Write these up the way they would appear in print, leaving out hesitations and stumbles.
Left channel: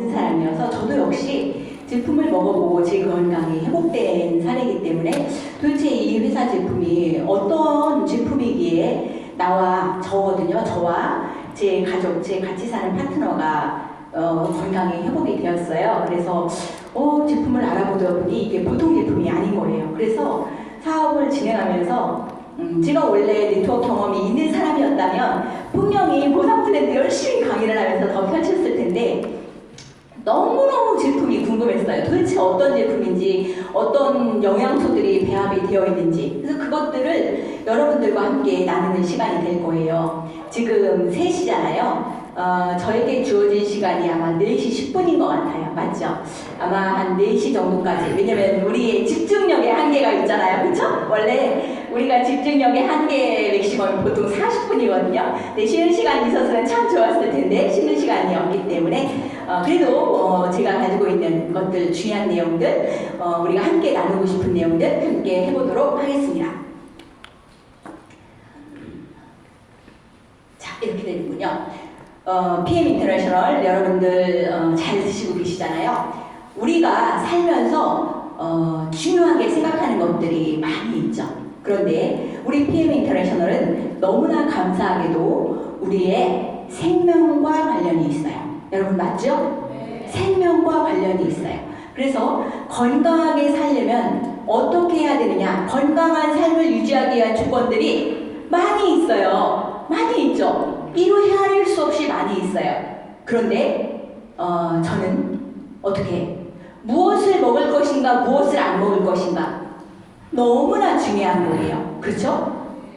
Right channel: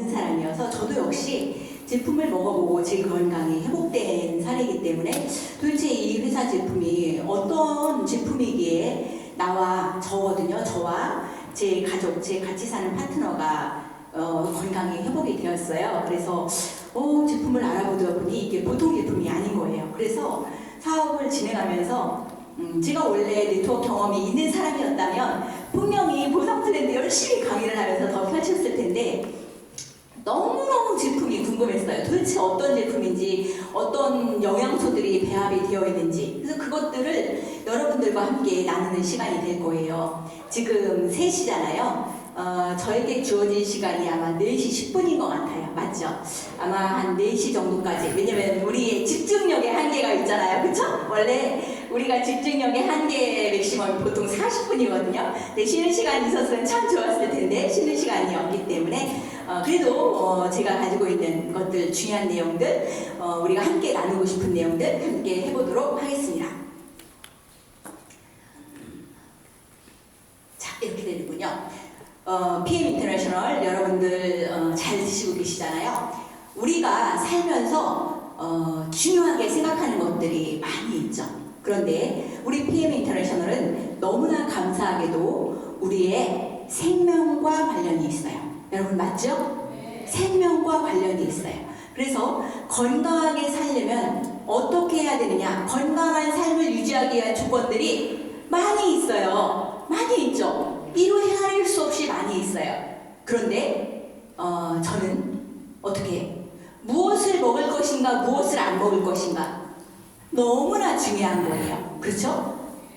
없는 사람이어서 저도 역시 제품을 먹어보고 제 건강이 회복된 사례이기 때문에 도대체 이 회사 제품이 어떤 제품이기에 나와 저거든요. 저와 제 가족, 제 같이 사는 파트너가 건강이 회복이 되었어요. 그래서 제품을 알아보다 보니 이게 보통 제품이 아닌 거예요. 그래서 사업을 진행하면서 제가 원래 네트워크 경험이 있는 사람이었다면 분명히 보상 트렌드 열심히 강의를 하면서 더 펼쳤을 텐데 너무너무 제품이 궁금했어요. 도대체 어떤 제품인지, 어떤 영양소들이 배합이 되어 있는지. 그래서 그것들을 여러분들과 함께 나누는 시간이 될 거예요. 지금 3시잖아요. 저에게 주어진 시간이 아마 4시 10분인 것 같아요. 맞죠? 아마 한 4시 정도까지. 왜냐면 우리의 집중력에 한계가 있잖아요. 그쵸? 원래 우리가 집중력의 한계 맥시멈이 보통 40분이거든요. 근데 쉬는 시간이 있었으면 참 좋았을 텐데 쉬는 시간이 없기 때문에 그래도 제가 가지고 있는 것들, 중요한 내용들, 우리가 함께 나누고 싶은 내용들 함께 해보도록 하겠습니다. 자, 이렇게 되는군요. PM 인터내셔널 여러분들 잘 드시고 계시잖아요. 우리가 살면서 중요하게 생각하는 것들이 많이 있죠. 그런데 우리 PM 인터내셔널은 너무나 감사하게도 우리의 생명과 관련이 있어요. 여러분 맞죠? 네. 생명과 관련이 있어요. 그래서 건강하게 살려면 어떻게 해야 되느냐? 건강한 삶을 유지하기 위한 조건들이 많이 있어요. 많이 있죠. 이루 헤아릴 수 없이 많이 있어요. 그런데 저는 어떻게 무엇을 먹을 것인가 무엇을 안 먹을 것인가 너무나 중요한 거예요. 그렇죠?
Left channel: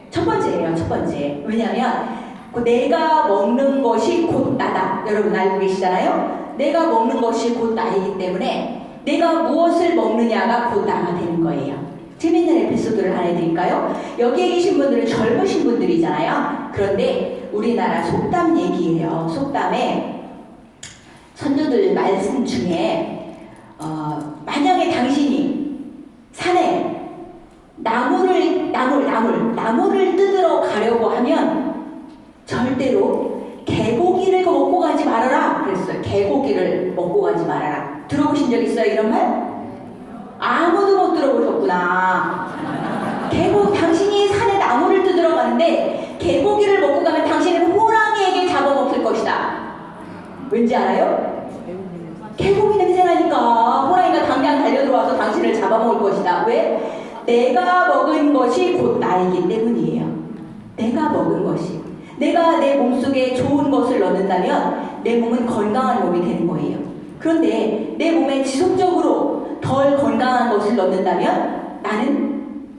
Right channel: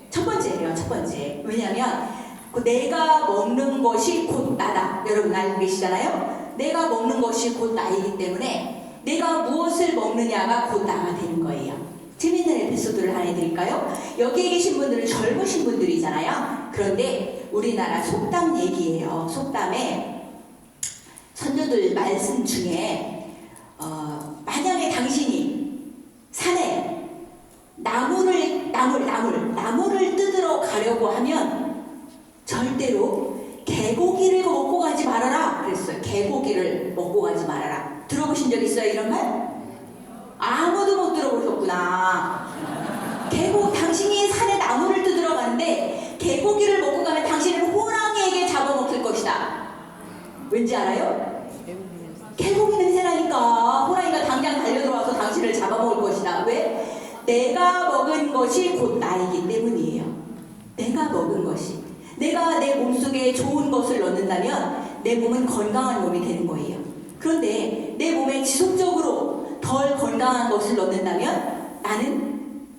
첫 번째예요. 첫 번째. 왜냐하면 내가 먹는 것이 곧 나다. 여러분 알고 계시잖아요. 내가 먹는 것이 곧 나이기 때문에 내가 무엇을 먹느냐가 곧 나가 되는 거예요. 재밌는 에피소드를 하나 해드릴까요? 여기에 계신 분들은 젊으신 분들이잖아요. 그런데 우리나라 속담 얘기예요. 속담에 선조들 말씀 중에 만약에 당신이 산에 나무를 뜯으러 가려고 하면 절대로 개고기를 먹고 가지 말아라 그랬어요. 개고기를 먹고 가지 말아라. 들어보신 적 있어요? 이런 말? 아무도 못 들어보셨구나. 당신이 산에 나무를 뜯으러 갔는데 개고기를 먹고 가면 당신은 호랑이에게 잡아먹힐 것이다. 왠지 알아요? 개고기 냄새나니까 호랑이가 당장 달려들어와서 당신을 잡아먹을 것이다. 왜? 내가 먹은 것이 곧 나이기 때문이에요. 내가 먹은 것이. 내가 내 몸속에 좋은 것을 넣는다면 내 몸은 건강한 몸이 되는 거예요. 그런데 내 몸에 지속적으로 덜 건강한 것을 넣는다면 나는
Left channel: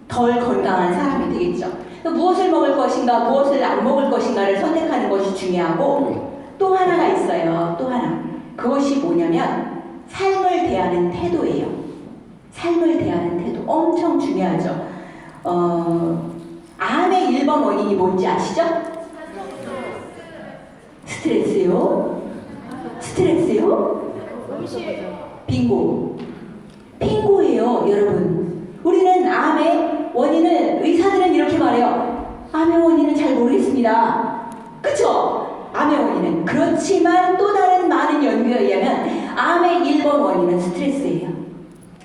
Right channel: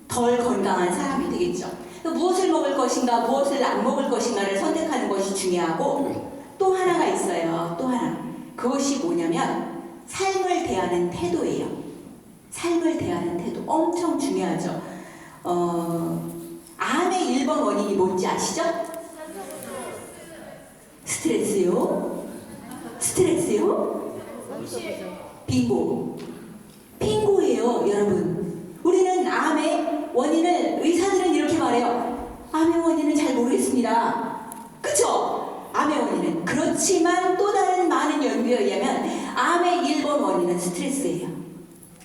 덜 건강한 사람이 되겠죠. 무엇을 먹을 것인가 무엇을 안 먹을 것인가를 선택하는 것이 중요하고 또 하나가 있어요. 또 하나. 그것이 뭐냐면 삶을 대하는 태도예요. 삶을 대하는 태도. 엄청 중요하죠. 암의 1번 원인이 뭔지 아시죠? 스트레스요? 스트레스요? 빙고. 빙고예요, 여러분. 우리는 암의 원인을 의사들은 이렇게 말해요. 암의 원인은 잘 모르겠습니다. 그쵸? 암의 원인은. 그렇지만 또 다른 많은 연구에 의하면 암의 1번 원인은 스트레스예요.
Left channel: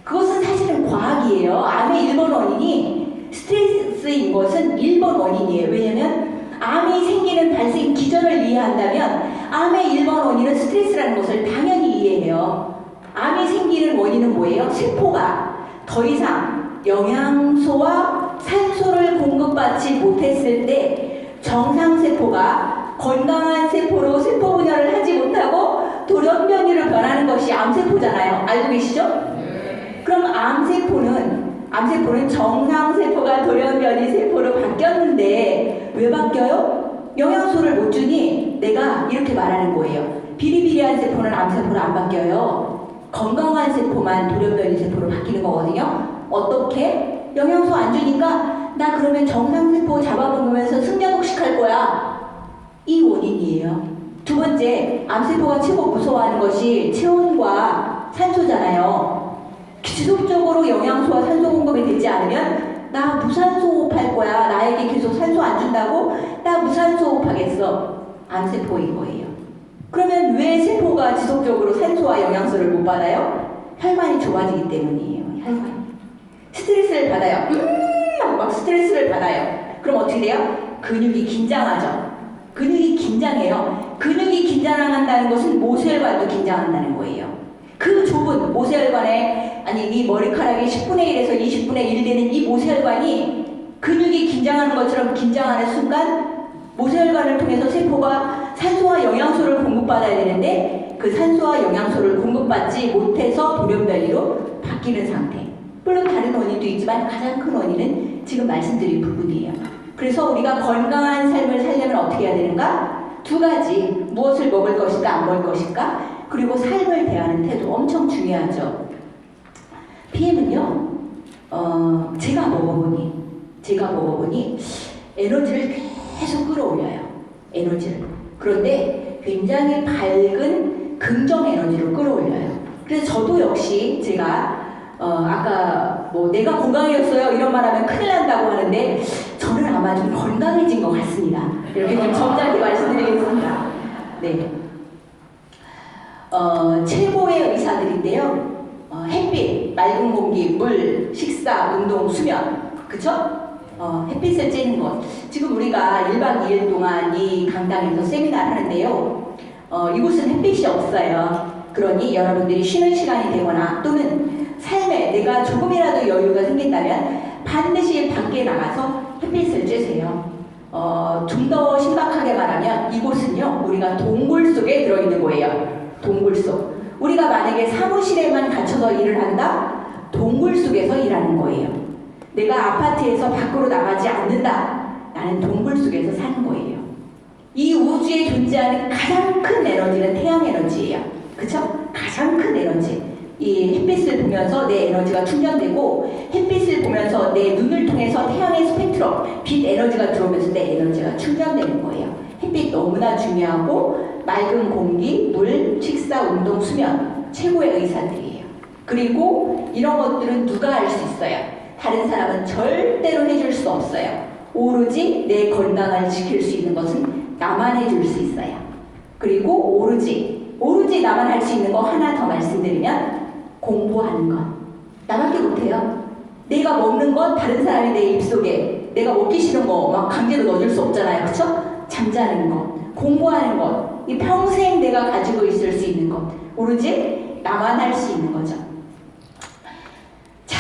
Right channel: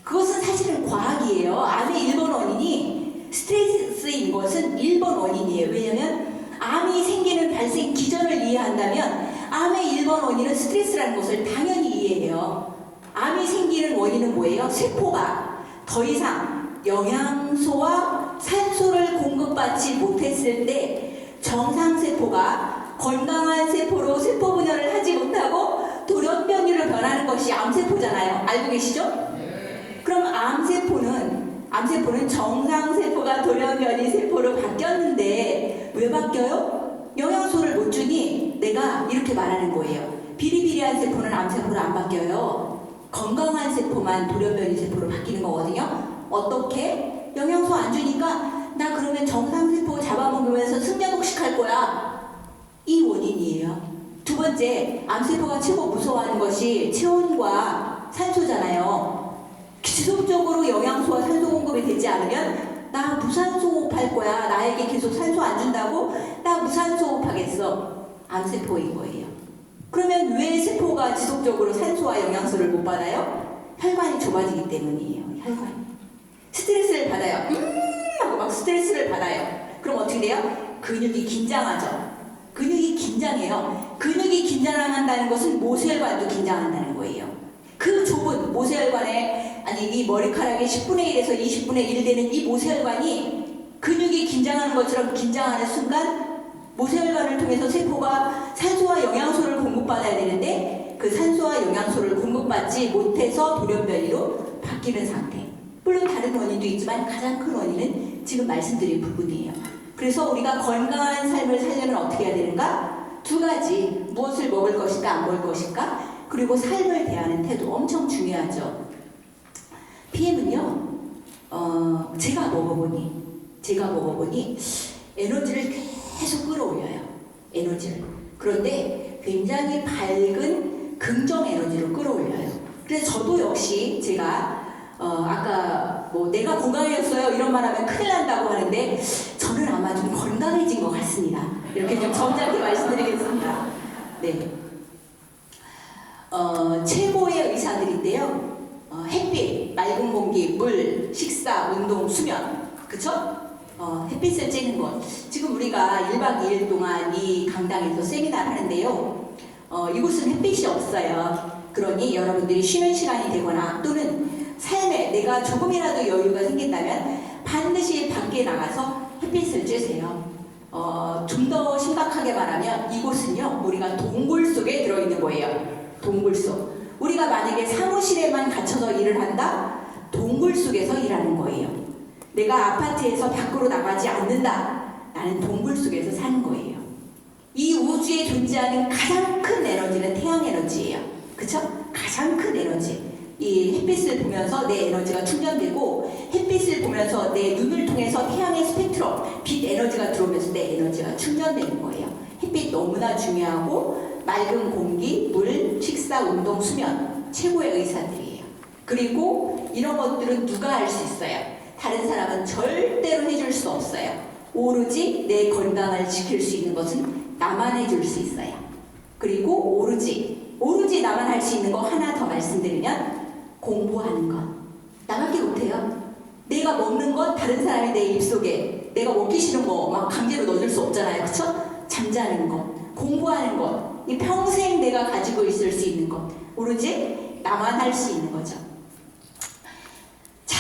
그것은 사실은 과학이에요. 암의 1번 원인이 스트레스인 것은 1번 원인이에요. 왜냐면 암이 생기는 발생 기전을 이해한다면 암의 1번 원인은 스트레스라는 것을 당연히 이해해요. 암이 생기는 원인은 뭐예요? 세포가 더 이상 영양소와 산소를 공급받지 못했을 때 정상세포가 건강한 세포로 세포 분열을 하지 못하고 돌연변이로 변하는 것이 암세포잖아요. 알고 계시죠? 그럼 암세포는 정상세포가 돌연변이 세포로 바뀌었는데 왜 바뀌어요? 영양소를 못 주니 내가 이렇게 말하는 거예요. 비리비리한 세포는 암세포로 안 바뀌어요. 건강한 세포만 돌연변이 세포로 바뀌는 거거든요. 어떻게? 영양소 안 주니까 나 그러면 정상세포 잡아먹으면서 승려독식할 거야. 이 원인이에요. 두 번째, 암세포가 최고 무서워하는 것이 체온과 산소잖아요. 지속적으로 영양소와 산소 공급이 되지 않으면 나 무산소 호흡할 거야. 나에게 계속 산소 안 준다고? 나 무산소 호흡하겠어. 암세포인 거예요. 그러면 왜 세포가 지속적으로 산소와 산소와 영양소를 못 받아요? 혈관이 좁아지기 때문이에요. 혈관이. 스트레스를 받아요. 하고 막 스트레스를 받아요. 그럼 어떻게 돼요? 근육이 긴장하죠. 근육이 긴장해요. 근육이 긴장한다는 것은 모세혈관도 긴장한다는 거예요. 그 좁은 모세혈관에, 아니 이 머리카락이 10분의 1에서 20분의 1 되는 이 모세혈관이 근육이 긴장하는 것처럼 긴장하는 순간 모세혈관을 통해서 세포가 산소와 영양소를 공급받아야 되는데 그 산소와 영양소를 공급받지 못해서 돌연변이로 바뀌는 상태. 물론 다른 원인도 있지만 가장 큰 원인은 지금 말씀드린 부분이에요. 그래서 우리가 건강한 삶을 살려면 어떻게 해야 되는가? 두 가지. 무엇을 먹을 것인가 안 먹을 것인가? 그리고 삶을 대하는 태도 엄청 중요하죠. PM은요. 제가 먹어보니 에너지를 계속 끌어올려요. 에너지를. 그런데 굉장히 밝은 긍정 에너지로 끌어올려요. 그래서 저도 역시 제가 아까 뭐 내가 건강해졌어요 이런 말하면 큰일 난다고 하는데 저는 아마 좀 건강해진 것 같습니다. 이렇게 좀 점잖게 말씀드리겠습니다. 네. 최고의 의사들인데요. 햇빛, 맑은 공기, 물, 식사, 운동, 수면. 그쵸? 햇빛을 쬐는 것. 지금 우리가 1박 2일 동안 이 강당에서 세미나를 하는데요. 이곳은 햇빛이 없어요. 그러니 여러분들이 쉬는 시간이 되거나 또는 삶에 내가 조금이라도 여유가 생긴다면 반드시 밖에 나가서 햇빛을 쬐세요. 좀 더 심각하게 말하면 이곳은요, 우리가 동굴 속에 들어있는 거예요. 동굴 속. 우리가 만약에 사무실에만 갇혀서 일을 한다? 동굴 속에서 일하는 거예요. 내가 아파트에서 밖으로 나가지 않는다. 나는 동굴 속에서 사는 거예요. 이 우주에 존재하는 가장 큰 에너지는 태양 에너지예요. 그쵸? 가장 큰 에너지. 이 햇빛을 보면서 내 에너지가 충전되고 햇빛을 보면서 내 눈을 통해서 태양의 스펙트럼, 빛 에너지가 들어오면서 내 에너지가 충전되는 거예요. 햇빛 너무나 중요하고 맑은 공기, 물, 식사, 운동, 수면 최고의 의사들이에요. 그리고 이런 것들은 누가 할 수 있어요? 다른 사람은 절대로 해줄 수 없어요. 오로지 내 건강을 지킬 수 있는 것은 나만 해줄 수 있어요. 그리고 오로지 나만 할 수 있는 거 하나 더 말씀드리면 공부하는 것. 나밖에 못해요. 내가 먹는 건 다른 사람이 내 입속에 내가 먹기 싫은 거 막 강제로 넣어줄 수 없잖아요. 그쵸? 잠자는 것, 공부하는 것, 이 평생 내가 가지고 있을 수 있는 것. 오로지 나만 할 수 있는 거죠. 자,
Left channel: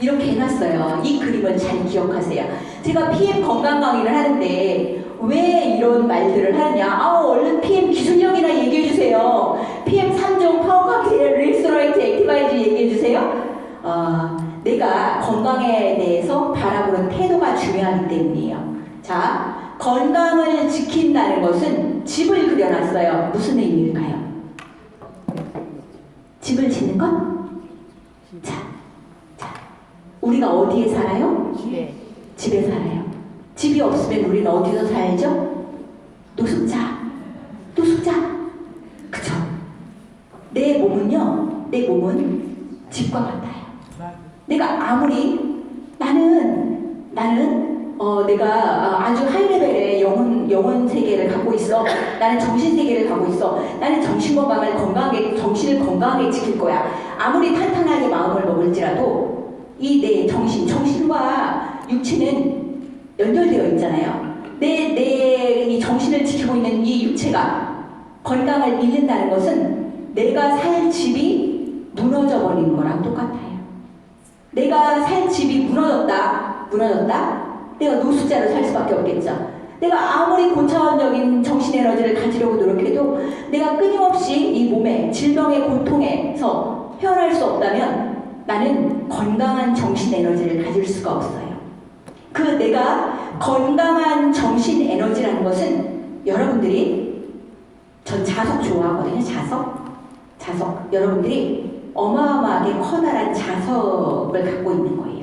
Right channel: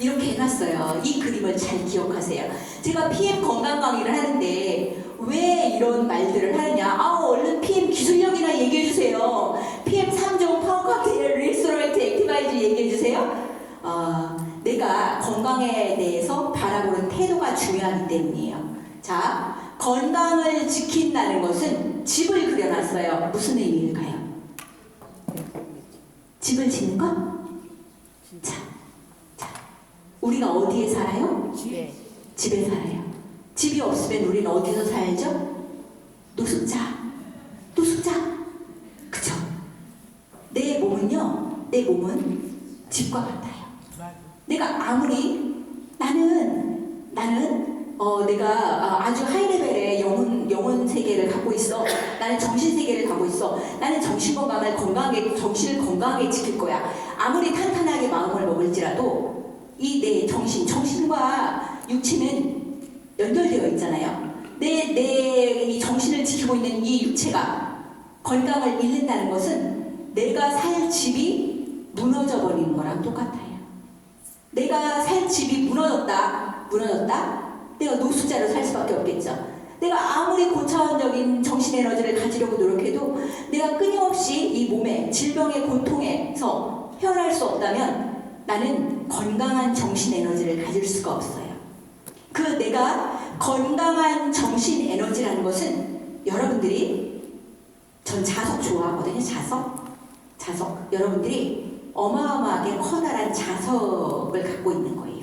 이렇게 해놨어요. 이 그림을 잘 기억하세요. 제가 PM 건강 강의를 하는데 왜 이런 말들을 하느냐? 얼른 PM 기술력이나 얘기해주세요. PM 3종 파워 칵테일, 리스토레이트, 액티바이즈 얘기해주세요. 내가 건강에 대해서 바라보는 태도가 중요하기 때문이에요. 자, 건강을 지킨다는 것은 집을 그려놨어요. 무슨 의미일까요? 집을 짓는 것? 자, 우리가 어디에 살아요? 집에 살아요. 집이 없으면 우리는 어디서 살죠? 노숙자. 그쵸? 내 몸은 집과 같아요. 내가 아무리 내가 아주 하이레벨의 영혼 세계를 갖고 있어. 나는 정신 세계를 갖고 있어. 나는 정신을 건강하게 지킬 거야. 아무리 탄탄하게 마음을 먹을지라도 이 내 정신과 육체는 연결되어 있잖아요. 내 이 정신을 지키고 있는 이 육체가 건강을 잃는다는 것은 내가 살 집이 무너져 버리는 거랑 똑같아요. 내가 살 집이 무너졌다. 내가 노숙자로 살 수밖에 없겠죠. 내가 아무리 고차원적인 정신 에너지를 가지려고 노력해도 내가 끊임없이 이 몸의 질병의 고통에서 헤어날 수 없다면 나는 건강한 정신 에너지를 가질 수가 없어요. 그 내가 건강한 정신 에너지라는 것은 여러분들이 전 자석 좋아하거든요. 자석. 여러분들이 어마어마하게 커다란 자석을 갖고 있는 거예요.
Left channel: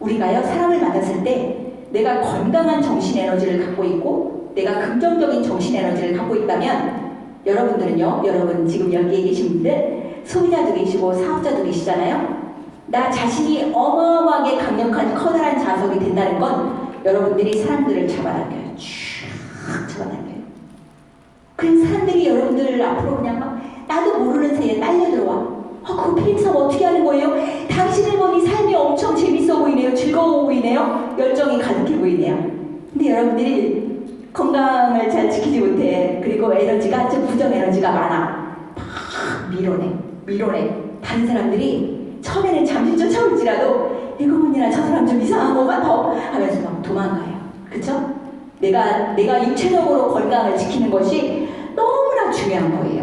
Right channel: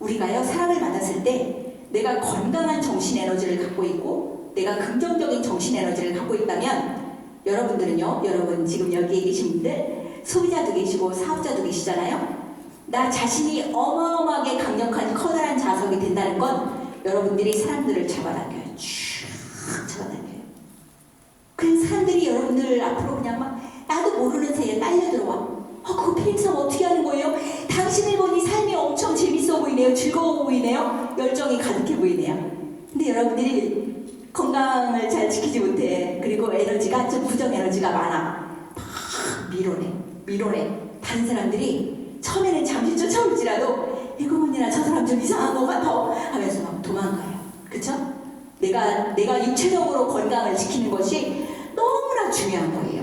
우리가요, 사람을 만났을 때 내가 건강한 정신 에너지를 갖고 있고 내가 긍정적인 정신 에너지를 갖고 있다면 여러분들은요, 여러분 지금 여기에 계신 분들 소비자도 계시고 사업자도 계시잖아요. 나 자신이 어마어마하게 강력한 커다란 자석이 된다는 건 여러분들이 사람들을 잡아당겨요. 쭉 잡아당겨요. 그냥 사람들이 여러분들 앞으로 그냥 막 나도 모르는 새에 빨려 들어와. 그거 PM 사업 어떻게 하는 거예요? 당신을 보니 삶이 엄청 재밌어 보이네요. 즐거워 보이네요. 열정이 가득해 보이네요. 근데 여러분들이 건강을 잘 지키지 못해. 그리고 에너지가 좀 부정 에너지가 많아. 막 밀어내. 다른 사람들이 처음에는 잠시 쫓아올지라도 이거 보니라 저 사람 좀 이상한 것 같아 하면서 막 도망가요. 그쵸? 내가 육체적으로 건강을 지키는 것이 너무나 중요한 거예요.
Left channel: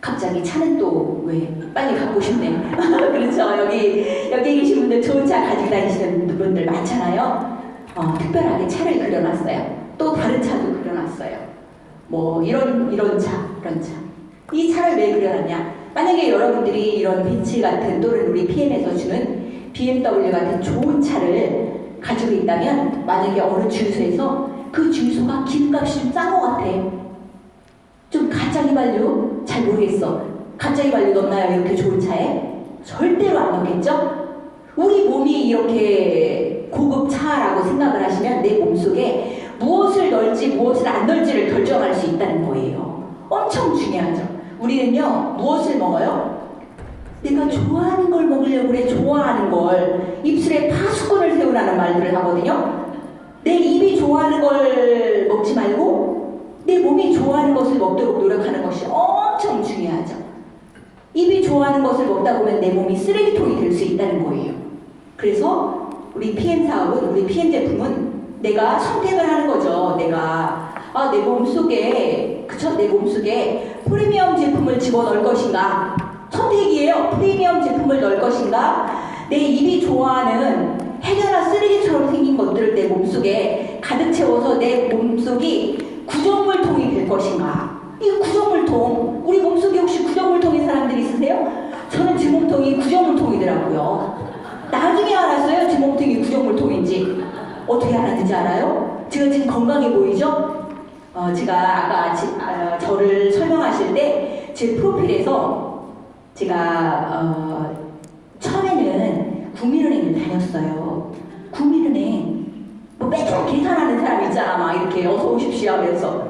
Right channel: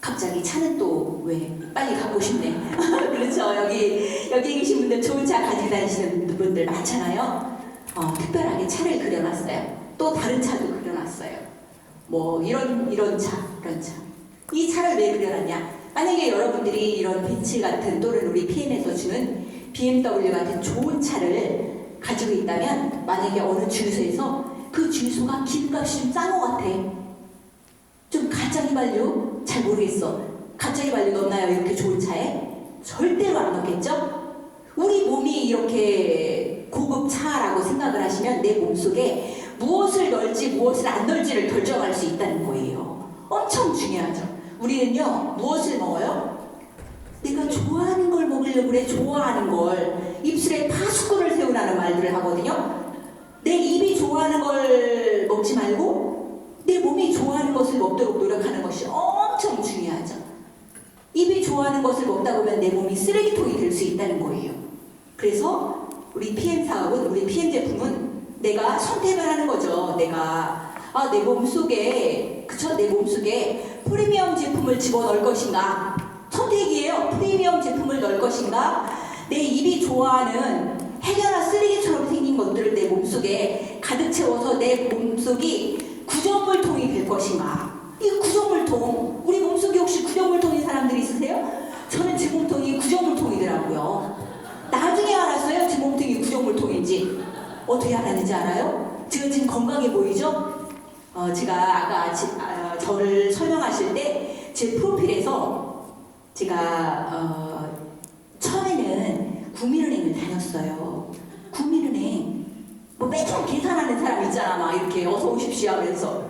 갑자기 차는 또 왜 빨리 갖고 싶네. 그렇죠? 여기 계신 분들 좋은 차 가지고 다니시는 분들 많잖아요. 특별하게 차를 그려놨어요. 또 다른 차도 그려놨어요. 뭐 이런 차. 이 차를 왜 그려놨냐? 만약에 여러분들이 이런 벤츠 같은 또는 우리 PM에서 주는 BMW 같은 좋은 차를 가지고 있다면 만약에 어느 주유소에서 그 주유소가 기름값이 좀 싼 것 같아. 좀 가짜 휘발유? 잘 모르겠어. 가짜 휘발유 넣나요? 이렇게 좋은 차에? 절대로 안 넣겠죠? 우리 몸이 이렇게 고급 차라고 생각을 하시면 내 몸속에 무엇을 넣을지 무엇을 안 넣을지를 결정할 수 있다는 거예요. 엄청 중요하죠. 우리는요, 무엇을 먹어요? 내가 좋아하는 걸 먹으려고 그래. 좋아하는 걸. 입술에 파수꾼을 세우라는 말들을 하거든요. 내 입이 좋아하는 걸 먹지 말고 내 몸이 좋아하는 것을 먹도록 노력하는 것이 엄청 중요하죠. 입이 좋아하는 것을 먹다 보면 내 몸이 쓰레기통이 될 수 있다는 거예요. 그래서 우리 PM 사업은, 우리 PM 제품은 내가 선택을 하는 거죠. 내가 내 몸속에 내 몸속에 프리미엄 제품을 집어넣을 것인가? 선택이에요. 프리미엄 제품을 넣을 것인가? 내 입이 좋아하는 해결한 쓰레기처럼 생긴 것들을 내 몸속에 가득 채워서 내 몸속이 구정물통이 될 것인가? 이 구정물통, 우리 몸속에 혹시 구정물통인 사람들이 있으세요? 저는 제 몸통이 구정물통이더라고요. 나중에 알았어요. 제 몸통이 구정물통인지. 어떻게 알았는지 알아요? 제가 지금 건강해 보이죠? 제가 아까 저를 설명하실 때 제 프로필에서 제가 처음에는 국민은행을 다녔어요. 국민은행 뭐 매번 계산하는 사람 있잖아. 막 이렇게 어서 오십시오 하면서.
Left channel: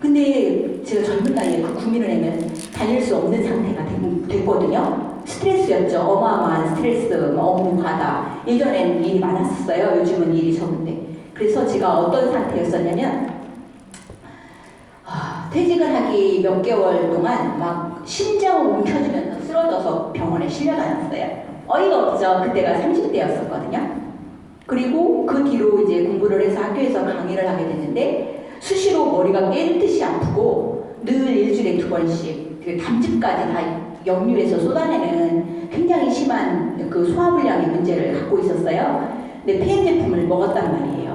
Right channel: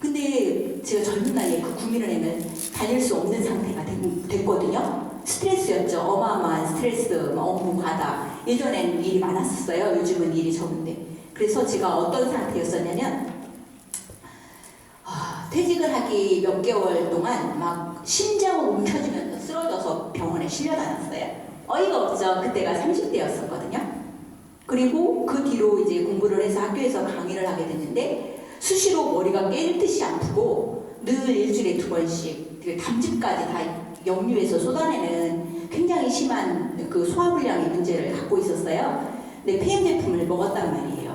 근데 제가 젊은 나이에 그 국민은행을 다닐 수 없는 상태가 됐거든요. 스트레스였죠. 어마어마한 스트레스, 업무 과다. 예전엔 일이 많았었어요. 요즘은 일이 적은데. 그래서 제가 어떤 상태였었냐면 퇴직을 하기 몇 개월 동안 막 심장을 움켜쥐면서 쓰러져서 병원에 실려다녔어요. 어이가 없죠. 그때가 30대였었거든요. 그리고 그 뒤로 이제 공부를 해서 학교에서 강의를 하게 됐는데 수시로 머리가 깨질 듯이 아프고 늘 일주일에 2번씩 담즙까지 다 역류해서 쏟아내는 굉장히 심한 그 소화불량의 문제를 갖고 있었어요. 근데 PM 제품을 먹었단 말이에요.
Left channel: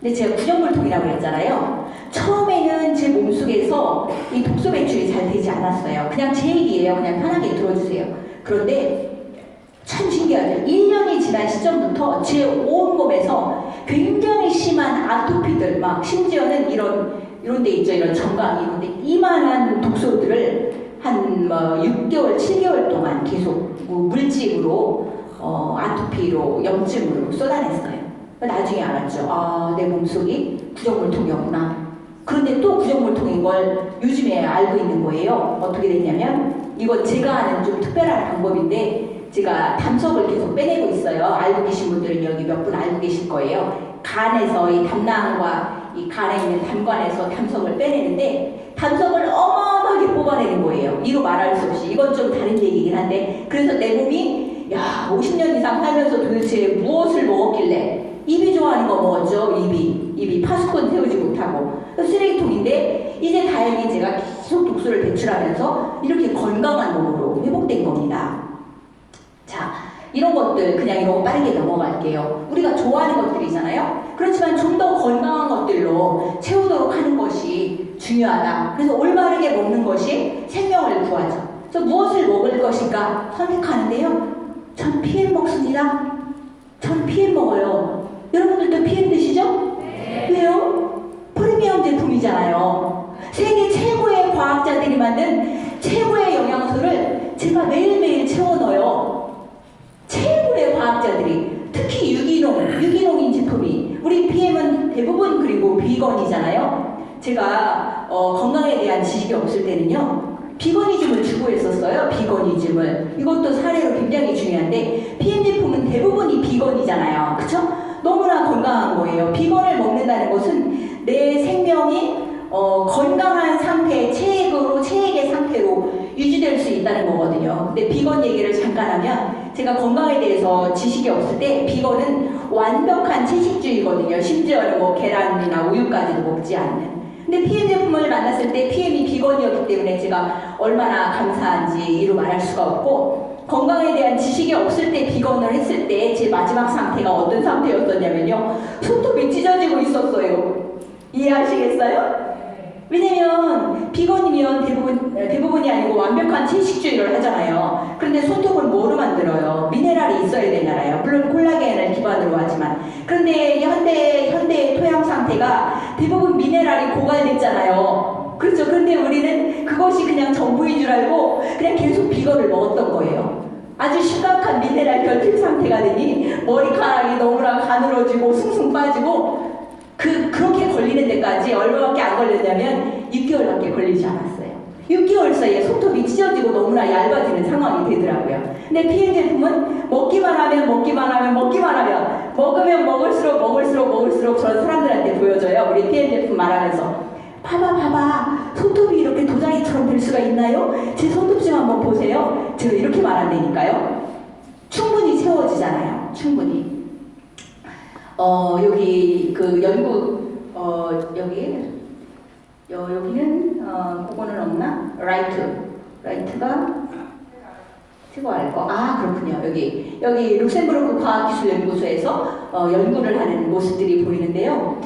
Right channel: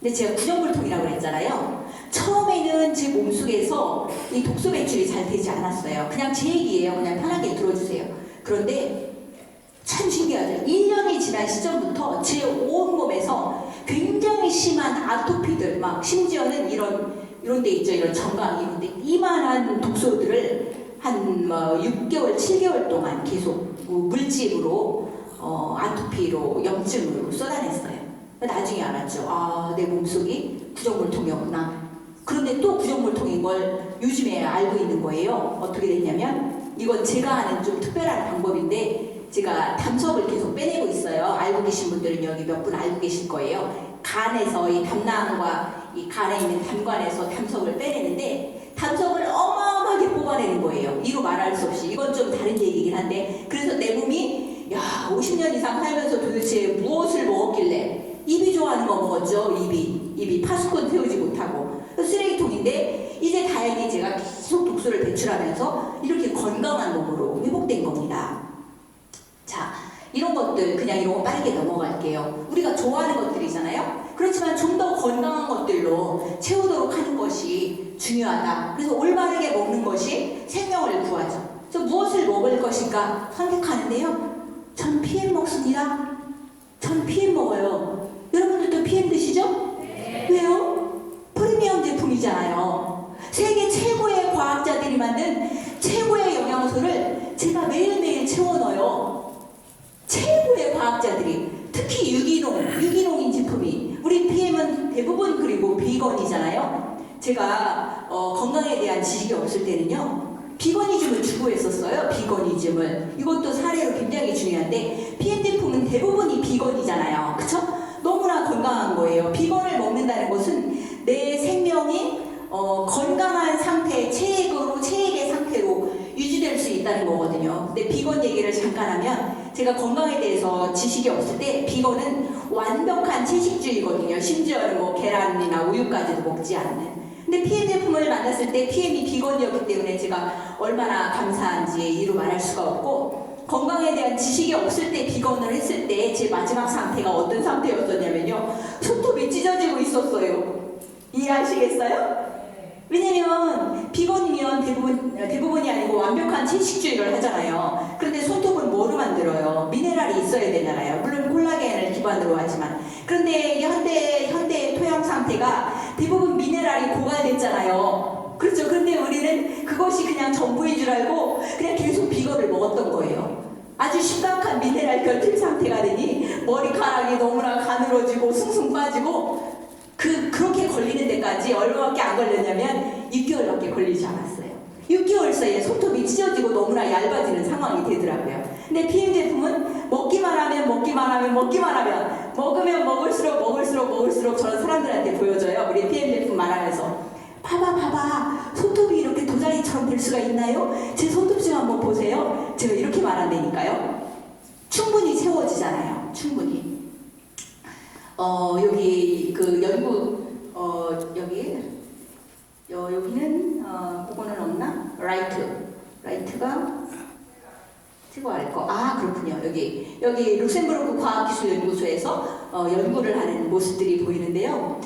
근데 제가 구정물통이라고 그랬잖아요. 처음에는 제 몸속에서 이 독소 배출이 잘 되지 않았어요. 그냥 제 얘기예요. 그냥 편하게 들어주세요. 그런데 참 신기하죠. 1년이 지난 시점부터 제 온몸에서 굉장히 심한 아토피들, 막 심지어는 이런 데 있죠. 이런 정강 이런 데 이만한 독소들을 한 6개월, 7개월 동안 계속 물집으로 아토피로 염증으로 쏟아냈어요. 나중에 알았죠. 내 몸속이 구정물통이었구나. 그런데 또 구정물통인 걸 요즘에 알고 있는 거예요. 어떻게 됐냐면 이건 제가 하는 좀 특별한 방법인데 제가 담석을 계속 빼내고 있어요. 알고 계신 분들은 여기 몇 분 알고 계실 거예요. 간에서 이 담낭과 이 간에 있는 담관에서 담석을 빼내는데 담석을 어마어마하게 뽑아내는 거예요. 이거 말할 수 없이. 이건 좀 다른 얘기긴 한데 그래서 내 몸이 50년 이상 살면서 도대체 무엇을 먹었길래 입이 좋아하는 거 먹었죠. 입이 파수꾼 세우지 못하고 쓰레기통인데 이제 다행히 제가 계속 독소를 배출하면서 이렇게 건강한 몸으로 회복된 겁니다. 자, 이런 것들 그냥 이런 거 빠르게 넘어갈게요. 우리가 좋아하는 것들이잖아요. 그렇지만 좀 더 건강한 것들로 채우도록 하는 것이 중요하다. 그래서 올바르게 먹는 것이 생명을 구하죠. 그래서 무엇을 먹을 것인가 선택하는데요. 전 PM 먹습니다. 전 PM 먹어요. 여러분들도 PM 드시죠? 네. 왜요? 프리미엄 제품이잖아요. 세계 최고의 과학자들이 만든 최고의 영양소를 제가 매일매일 채워 넣어요. 최고의 과학자들이. 특히 유기농인 제품이. 우리 PM은 대부분 그리고 비건이잖아요. 제가 건강에 대한 지식이 없을 때는요. 비거니즘을 추구했었어요. 비거니즘을. 이것도 사례로 굉장히 중요한데 PM 제품은 대부분이 비건이잖아요. 그쵸? 너무나 건강한 거예요. 비건을 먹는다는 것은 내 생명이 건강한 상태, 체액의 상태로 유지될 수 있다는 거거든요. 근데 비건 얘기를 잠깐 하면 제가 건강에 대해서 지식이 없을 때 비건은 완벽한 채식주의거든요. 심지어는 뭐 계란이나 우유까지도 먹지 않는. 근데 PM 제품을 만났을 때 PM이 비건이었기 때문에 제가 얼마나 감사한지 이루 말할 수가 없고, 건강에 대한 지식이 없을 때 비건을 했을 때 제 마지막 상태가 어떤 상태였었냐면요. 손톱이 찢어지고 있었어요. 이해하시겠어요? 왜냐면 비건이면 대부분이 아니고 완벽한 채식주의를 하잖아요. 그런데 손톱은 뭐로 만들어요? 미네랄이 있어야 되잖아요. 물론 콜라겐을 기반으로 하지만. 그런데 현대의 토양 상태가 대부분 미네랄이 고갈됐잖아요. 그렇죠. 그런데 우리는 그것이 그냥 전부인 줄 알고 그냥 계속 비건을 먹었던 거예요. 아주 심각한 미네랄 결핍 상태가 되니 머리카락이 너무나 가늘어지고 숭숭 빠지고 그렇게 걸리는 데까지 얼마밖에 안 걸렸냐면 6개월밖에 걸리지 않았어요. 6개월 사이에 손톱이 찢어지고 너무나 얇아지는 상황이 되더라고요. 근데 PM 제품은 먹기만 하면 먹으면 먹을수록 저런 사람들한테 보여줘요. 우리 PM 제품 말하면서 봐봐 손톱이 이렇게 도자기처럼 될 수가 있나요? 제 손톱 좀 한번 보세요. 제가 이렇게 말한다니까요. 충분히 채워지잖아요. 충분히. 여기 그 여기는 그거는 없나? 라이트가 최고할 거. 아, 그렇군요. 여기 룩셈부르크 과학기술연구소에서 연구를 하는 모습들이 보이는데요.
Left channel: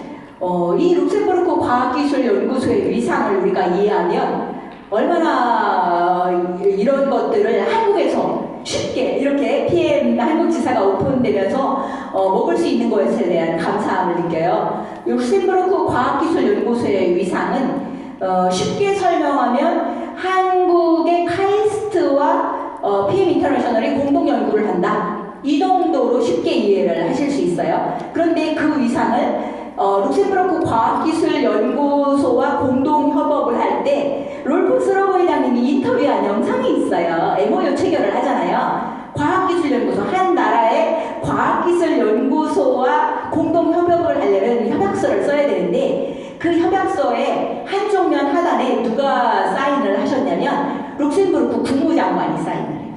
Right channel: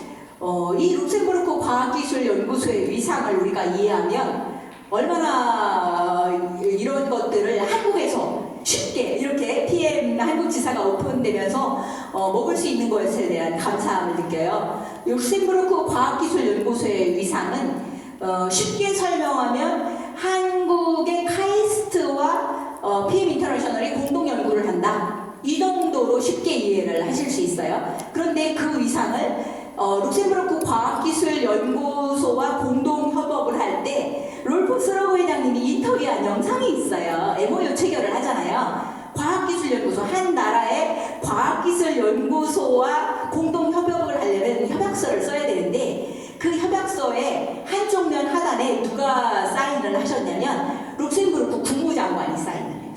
이 룩셈부르크 과학기술연구소의 위상을 우리가 이해하면 얼마나 이런 것들을 한국에서 쉽게 이렇게 PM 한국지사가 오픈되면서 먹을 수 있는 것에 대한 감사함을 느껴요. 룩셈부르크 과학기술연구소의 위상은 쉽게 설명하면 한국의 카이스트와 PM 인터내셔널이 공동 연구를 한다. 이 정도로 쉽게 이해를 하실 수 있어요. 그런데 그 위상을 룩셈부르크 과학기술연구소와 공동 협업을 할 때 롤프 스러그 회장님이 인터뷰한 영상이 있어요. MOU 체결을 하잖아요. 과학기술연구소, 한 나라의 과학기술연구소와 공동 협업을 하려면 협약서를 써야 되는데 그 협약서의 한쪽 면 하단에 누가 사인을 하셨냐면 룩셈부르크 국무장관이 사인을 해요.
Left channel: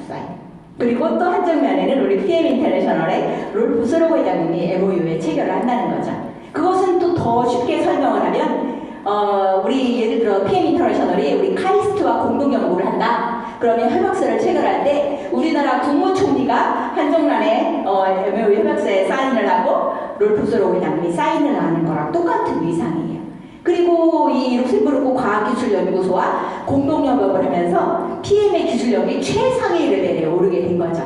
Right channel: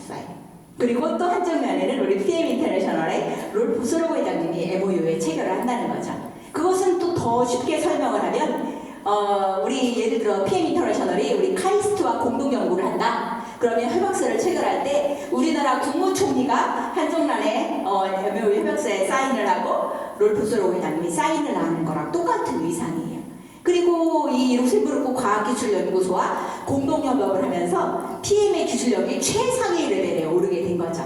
그리고 또 한쪽 면에는 우리 PM 인터내셔널의 롤프 스러그 회장님이 MOU에 체결을 한다는 거죠. 그것은 또 더 쉽게 설명을 하면 우리 예를 들어 PM 인터내셔널이 우리 카이스트와 공동 연구를 한다. 그러면 협약서를 체결할 때 우리나라 국무총리가 한정란에 MOU 협약서에 사인을 하고 롤프 스러그 회장님이 사인을 하는 거랑 똑같은 위상이에요. 그리고 이 룩셈부르크 과학기술연구소와 공동협업을 하면서 PM의 기술력이 최상위 레벨에 오르게 된 거죠.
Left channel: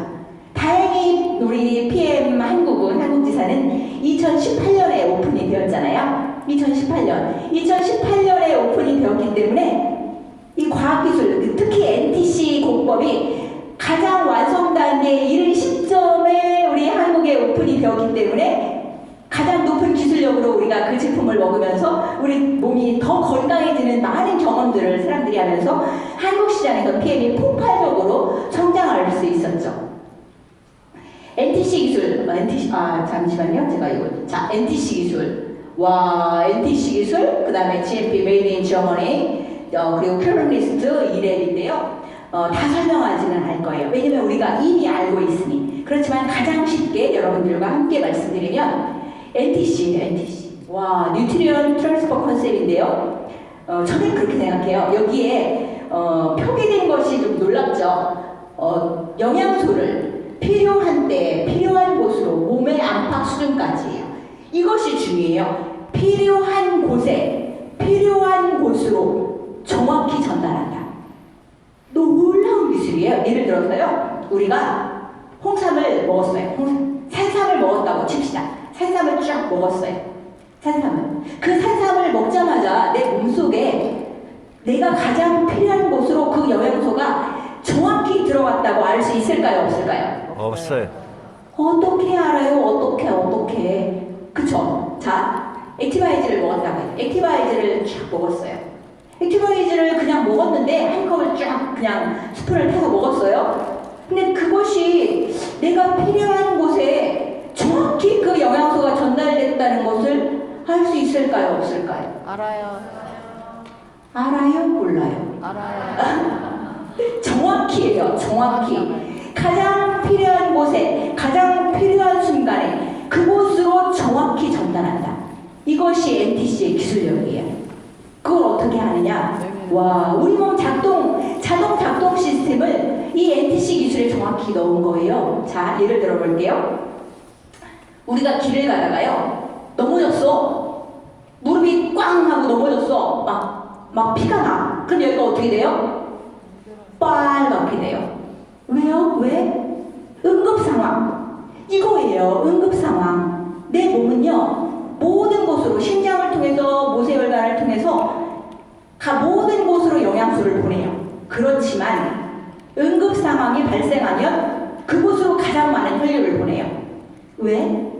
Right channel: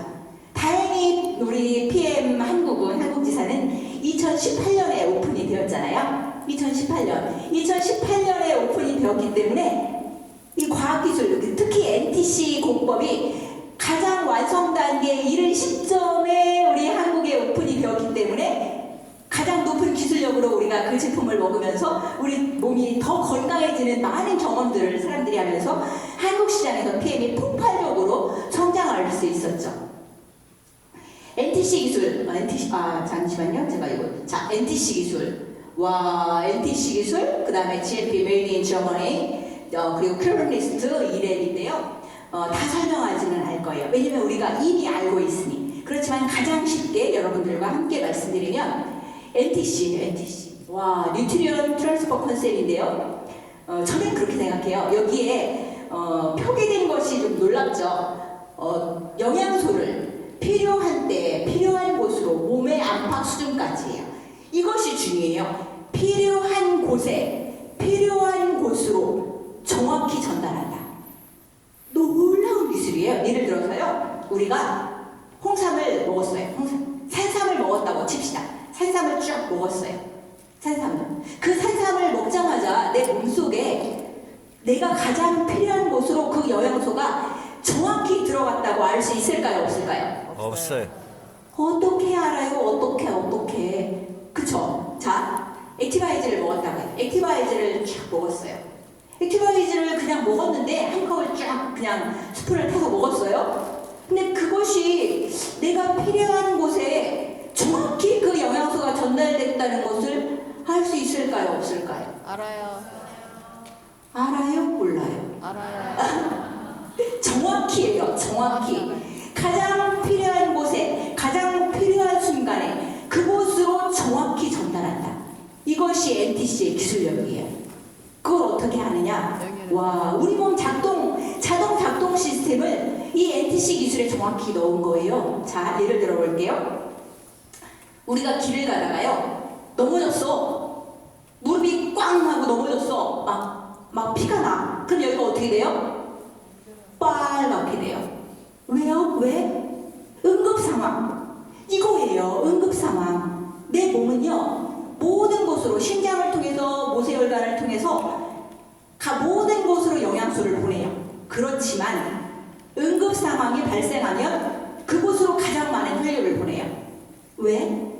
다행히 우리 PM 한국지사는 2018년에 오픈이 되었잖아요. 2018년에 오픈이 되었기 때문에 이 과학기술, 특히 NTC 공법이 가장 완성 단계에 이른 시점에 우리 한국에 오픈이 되었기 때문에 가장 높은 기술력으로 우리가 그 제품을 먹으면서 우리 몸이 더 건강해지는 많은 경험들을 사람들이 하면서 한국 시장에서 PM이 폭발적으로 성장할 수 있었죠. NTC 기술, 잠시만요. 제가 NTC 기술. NTC 기술, 그 다음에 GMP Made in Germany, 그리고 큐러리스트 2랩인데요. 다 설명하지는 않을 거예요. 왜냐면 우리가 이미 알고 있으니. 그렇지만 가장 쉽게 여러분들과 함께 말씀드리면 NTC. 뉴트리언 트랜스퍼 컨셉인데요. 저는 그렇게 생각해요. 여기에 표기된 것이 좀 놀랍죠. 영양소를 필요한 때, 필요한 곳으로 몸의 안팎 수준까지예요. 이것이 중요해요. 필요한 곳에, 필요한 곳으로 정확히 전달한다. 놀라운 기술이에요. 예를 들어서요, 우리가 홍삼을 먹었어요. 산삼을 먹었다고 칩시다. 산삼을 쫙 먹었어요. 그 산삼을 먹자마자 내 몸속에 내가 가장 필요한 곳으로 그 영양소가 정확히 들어갔다고 알 수 있을까요? 없을까요? 없어요. 어떻게 알아요? 어떻게? 그쵸? 자, 액티바이즈를 먹었다고 해요. 액티바이즈를 쫙 먹었어요. 액티바이즈를 그냥 먹었는데 한 컵을 쫙 그냥 스푼을 타서 먹었어요. 근데 그것이 내가 필요한 곳에 정확히 그 영양소가 전달됐다는 것을 알 수 있을까요? 없을까요? 알아요. 알아요? 몰라요? 알아요. 정확히예요. 정확히. 가장 필요한 곳에, 가장 필요한 순간에 그곳으로 정확히 전달한다. 이것이 NTC의 기술력이에요. 그걸 어떻게 하느냐? 와, 우리 몸 자동 작동 시스템을 이 NTC 기술에 정확히 넣은 거예요. 자, 예를 들어 볼게요. 우리가 길을 가다가요, 넘어졌어. 무릎이 꽝 하고 넘어졌어. 막 피가 나. 그럼 여기가 어떻게 돼요? 빨갛게 돼요. 왜요? 왜? 응급 상황. 이거예요. 응급 상황. 내 몸은요, 모든 곳으로, 심장을 통해서, 모세혈관을 통해서 모든 곳으로 영양소를 보내요. 그렇지만 응급 상황이 발생하면 그곳으로 가장 많은 혈류를 보내요. 왜?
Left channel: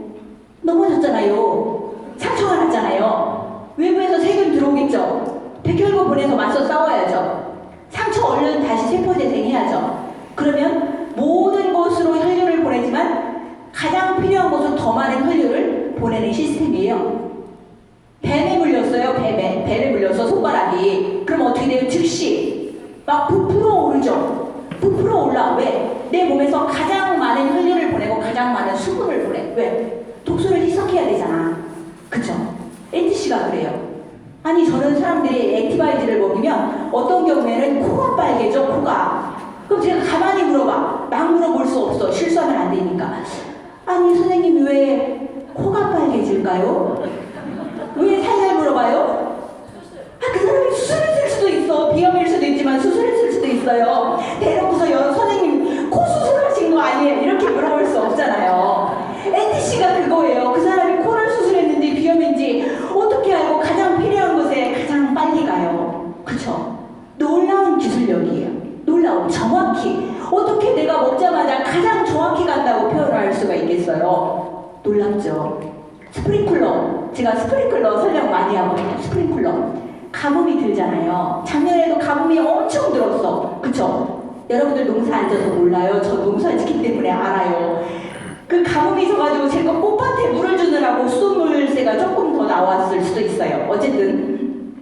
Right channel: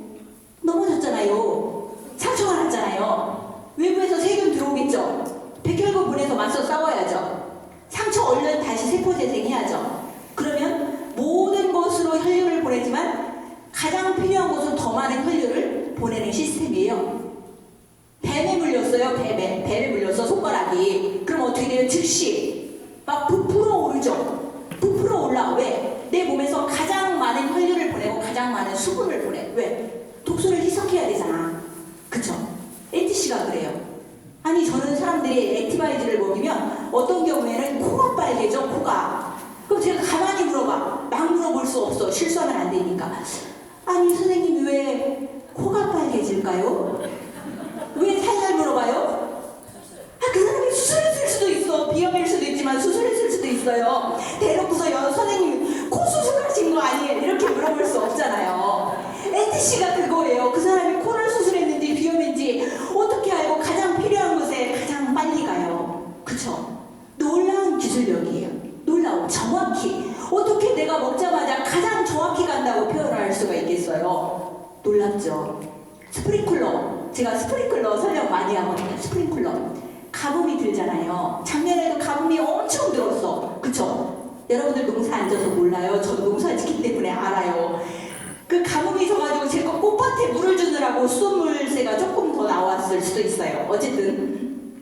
넘어졌잖아요. 상처가 났잖아요. 외부에서 세균 들어오겠죠. 백혈구 보내서 맞서 싸워야죠. 상처 얼른 다시 세포 재생해야죠. 그러면 모든 곳으로 혈류를 보내지만 가장 필요한 곳으로 더 많은 혈류를 보내는 시스템이에요. 뱀에 물렸어요. 뱀에 물렸어, 손가락이. 그럼 어떻게 돼요? 즉시 막 부풀어 오르죠. 부풀어 올라. 왜? 내 몸에서 가장 많은 혈류를 보내고 가장 많은 수분을 보내. 왜? 독소를 희석해야 되잖아. 그쵸? NTC가 그래요. 아니, 저는 사람들이 액티바이즈를 먹이면 어떤 경우에는 코가 빨개져, 코가. 그럼 제가 가만히 물어봐. 막 물어볼 수 없어. 실수하면 안 되니까. 아니, 선생님 왜 코가 빨개질까요? 왜 살살 물어봐요? 그 사람이 수술했을 수도 있어. 비염일 수도 있지만 수술했을 수도 있어요. 대놓고서 선생님 코 수술하신 거 아니에요? 이렇게 물어볼 수 없잖아요. NTC가 그거예요. 그 사람이 코를 수술했는지 비염인지 어떻게 알고 가장 필요한 곳에 가장 빨리 가요. 그쵸? 놀라운 기술력이에요. 놀라운, 정확히. 어떻게 내가 먹자마자 가장 정확히 간다고 표현할 수가 있겠어요? 놀랍죠? 스프링클러. 제가 스프링클러 설명 많이 하거든요. 스프링클러. 가뭄이 들잖아요. 작년에도 가뭄이 엄청 들었어. 그쵸? 여러분들 농사 안 져서 몰라요. 저 농사 짓기 때문에 알아요. 그 가뭄이 져가지고 제가 꽃밭에 물을 주느라고 수돗물새가 조금 더 나왔을 수도 있어요. 어쨌든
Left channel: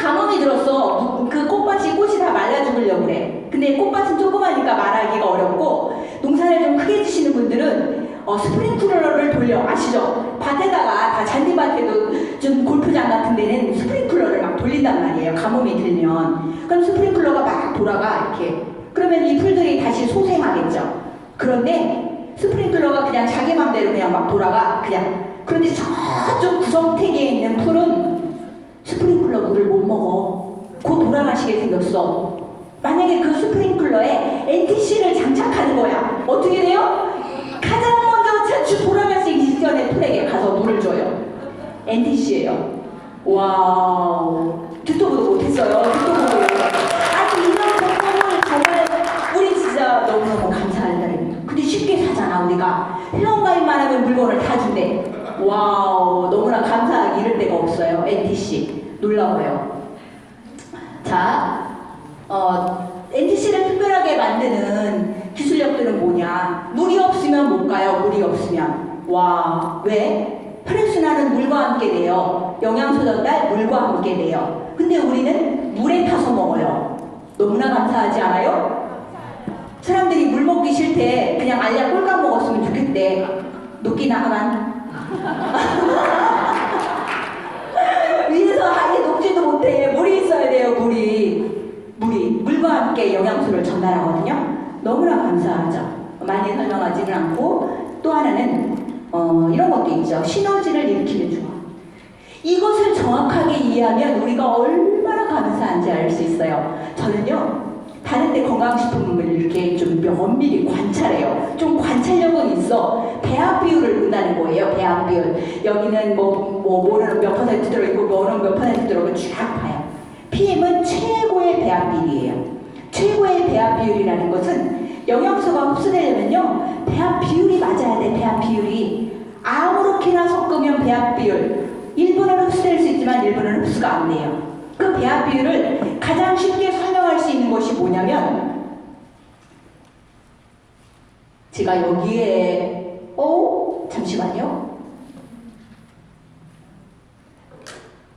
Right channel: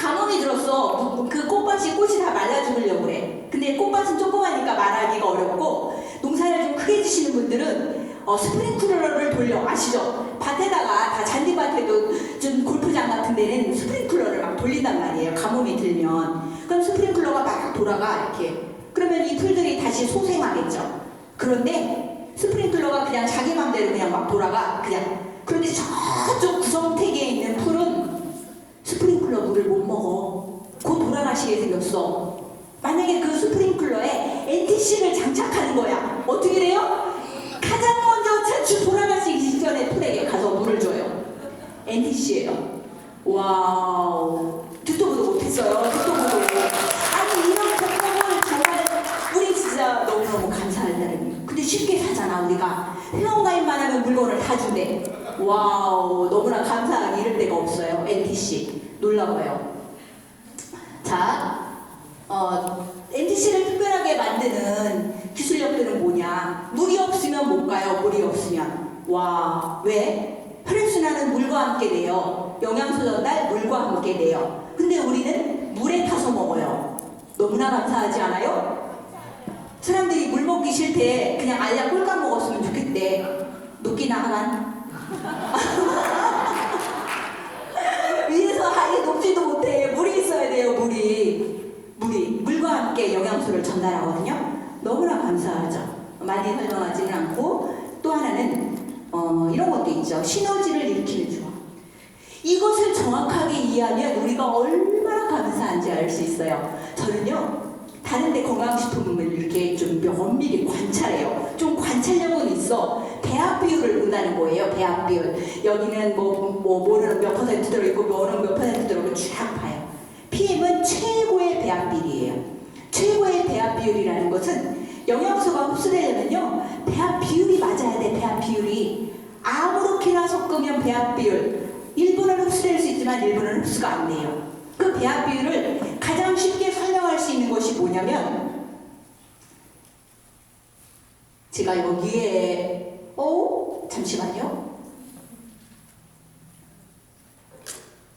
가뭄이 들었어. 그 꽃이 다 말라 죽으려고 그래. 근데 꽃밭은 조그마니까 말하기가 어렵고, 농사를 좀 크게 지시는 분들은 스프링클러를 돌려. 아시죠? 밭에다가 다 잔디밭에도 좀 골프장 같은 데는 스프링클러를 막 돌린단 말이에요. 가뭄이 들면. 그럼 스프링클러가 막 돌아가 이렇게. 그러면 이 풀들이 다시 소생하겠죠. 그런데 스프링클러가 그냥 자기 맘대로 그냥 막 돌아가. 그냥. 그런데 저쪽 구석택에 있는 풀은 스프링클러 물을 못 먹어. 곧 돌아가시게 생겼어. 만약에 그 스프링클러에 NTC를 장착하는 거야. 어떻게 돼요? 가장 먼저 돌아가시기 직전에 풀에게 가서 물을 줘요. NTC예요. 와우. 듣도 보도 못했어요. 듣도 보도. 아니, 이런 방법을 정말 우리 진짜 너무너무 감사할 따름이에요. 근데 쉽게 사잖아, 우리가. 회원가입만 하면 물건을 다 준대. 와우. 너무나 감사하기 이를 데가 없어요. NTC. 놀라워요. 자, NTC를 특별하게 만드는 기술력들은 뭐냐? 물이 없으면 못 가요. 물이 없으면. 와, 왜? 혈액순환은 물과 함께 돼요. 영양소 전달 물과 함께 돼요. 근데 우리는 물에 타서 먹어요. 너무나 감사하지 않아요? 사람들이 물 먹기 싫대. 그냥 알약 꼴깍 먹었으면 좋겠대. 녹기나 하만. 위에서 아예 녹지도 못해. 물이 있어야 돼요. 물이. 물과 함께 영양소를 전달하거든요. 너무나 감사하죠. 많이 설명하지는 않고, 또 하나는 이런 것도 있죠. 시너지를 일으키는 조합. 이것을 정확하게 이해하면 우리가 얼마나 감사한지 알 수 있어요. 저는요, 다른 데 건강식품을 이렇게 좀 면밀히 관찰해요. 좀 관찰력은 있어. 배합 비율을 본다는 거예요. 배합 비율. 여기는 뭐는 몇 퍼센트 들어있고 뭐는 몇 퍼센트 들어있고 쫙 봐요. PM은 최고의 배합 비율이에요. 최고의 배합 비율이라는 것은 영양소가 흡수되려면요, 배합 비율이 맞아야 돼. 배합 비율이. 아무렇게나 섞으면 배합 비율 1분은 흡수될 수 있지만 1분은 흡수가 안 돼요. 그 배합 비율을 가장 쉽게 설명할 수 있는 것이 뭐냐면, 제가 여기에 잠시만요.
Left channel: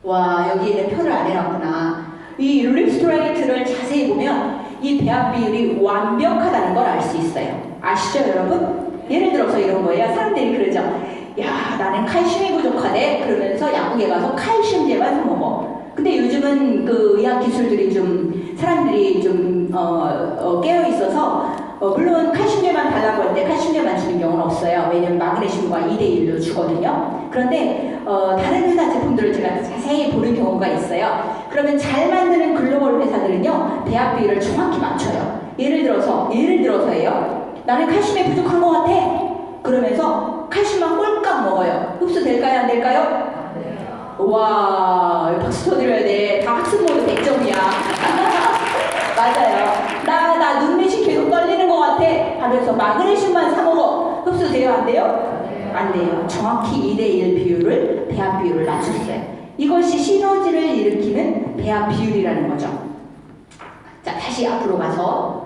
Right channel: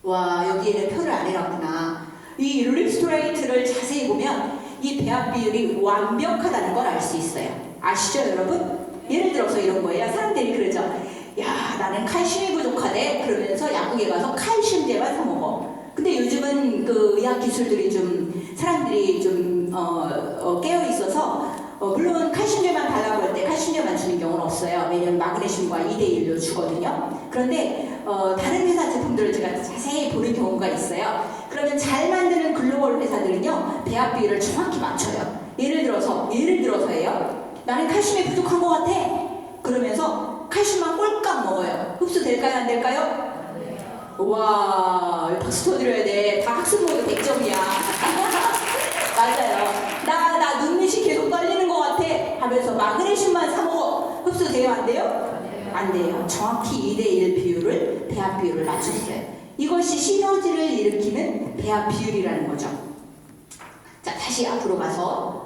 와, 여기에는 표를 안 해놨구나. 이 리스토레이트를 자세히 보면 이 배합 비율이 완벽하다는 걸 알 수 있어요. 아시죠, 여러분? 예를 들어서 이런 거예요. 사람들이 그러죠. 야, 나는 칼슘이 부족하대. 그러면서 약국에 가서 칼슘제만 사 먹어. 근데 요즘은 그 의학 기술들이 좀 사람들이 좀 깨어 있어서 물론 칼슘제만 달라고 할 때 칼슘제만 주는 경우는 없어요. 왜냐면 마그네슘과 2대1로 주거든요. 그런데 다른 회사 제품들을 제가 자세히 보는 경우가 있어요. 그러면 잘 만드는 글로벌 회사들은요, 배합 비율을 정확히 맞춰요. 예를 들어서예요. 나는 칼슘이 부족한 것 같아. 그러면서 칼슘만 꼴깍 먹어요. 흡수될까요? 안 될까요? 와, 박수 쳐드려야 돼. 다 학습 모두 100점이야. 맞아요. 나 눈밑이 계속 떨리는 것 같아 하면서 마그네슘만 사 먹어. 흡수돼요? 안 돼요? 안 돼요. 정확히 2대1 비율을, 배합 비율을 맞췄어요. 이것이 시너지를 일으키는 배합 비율이라는 거죠. 자, 다시 앞으로 가서,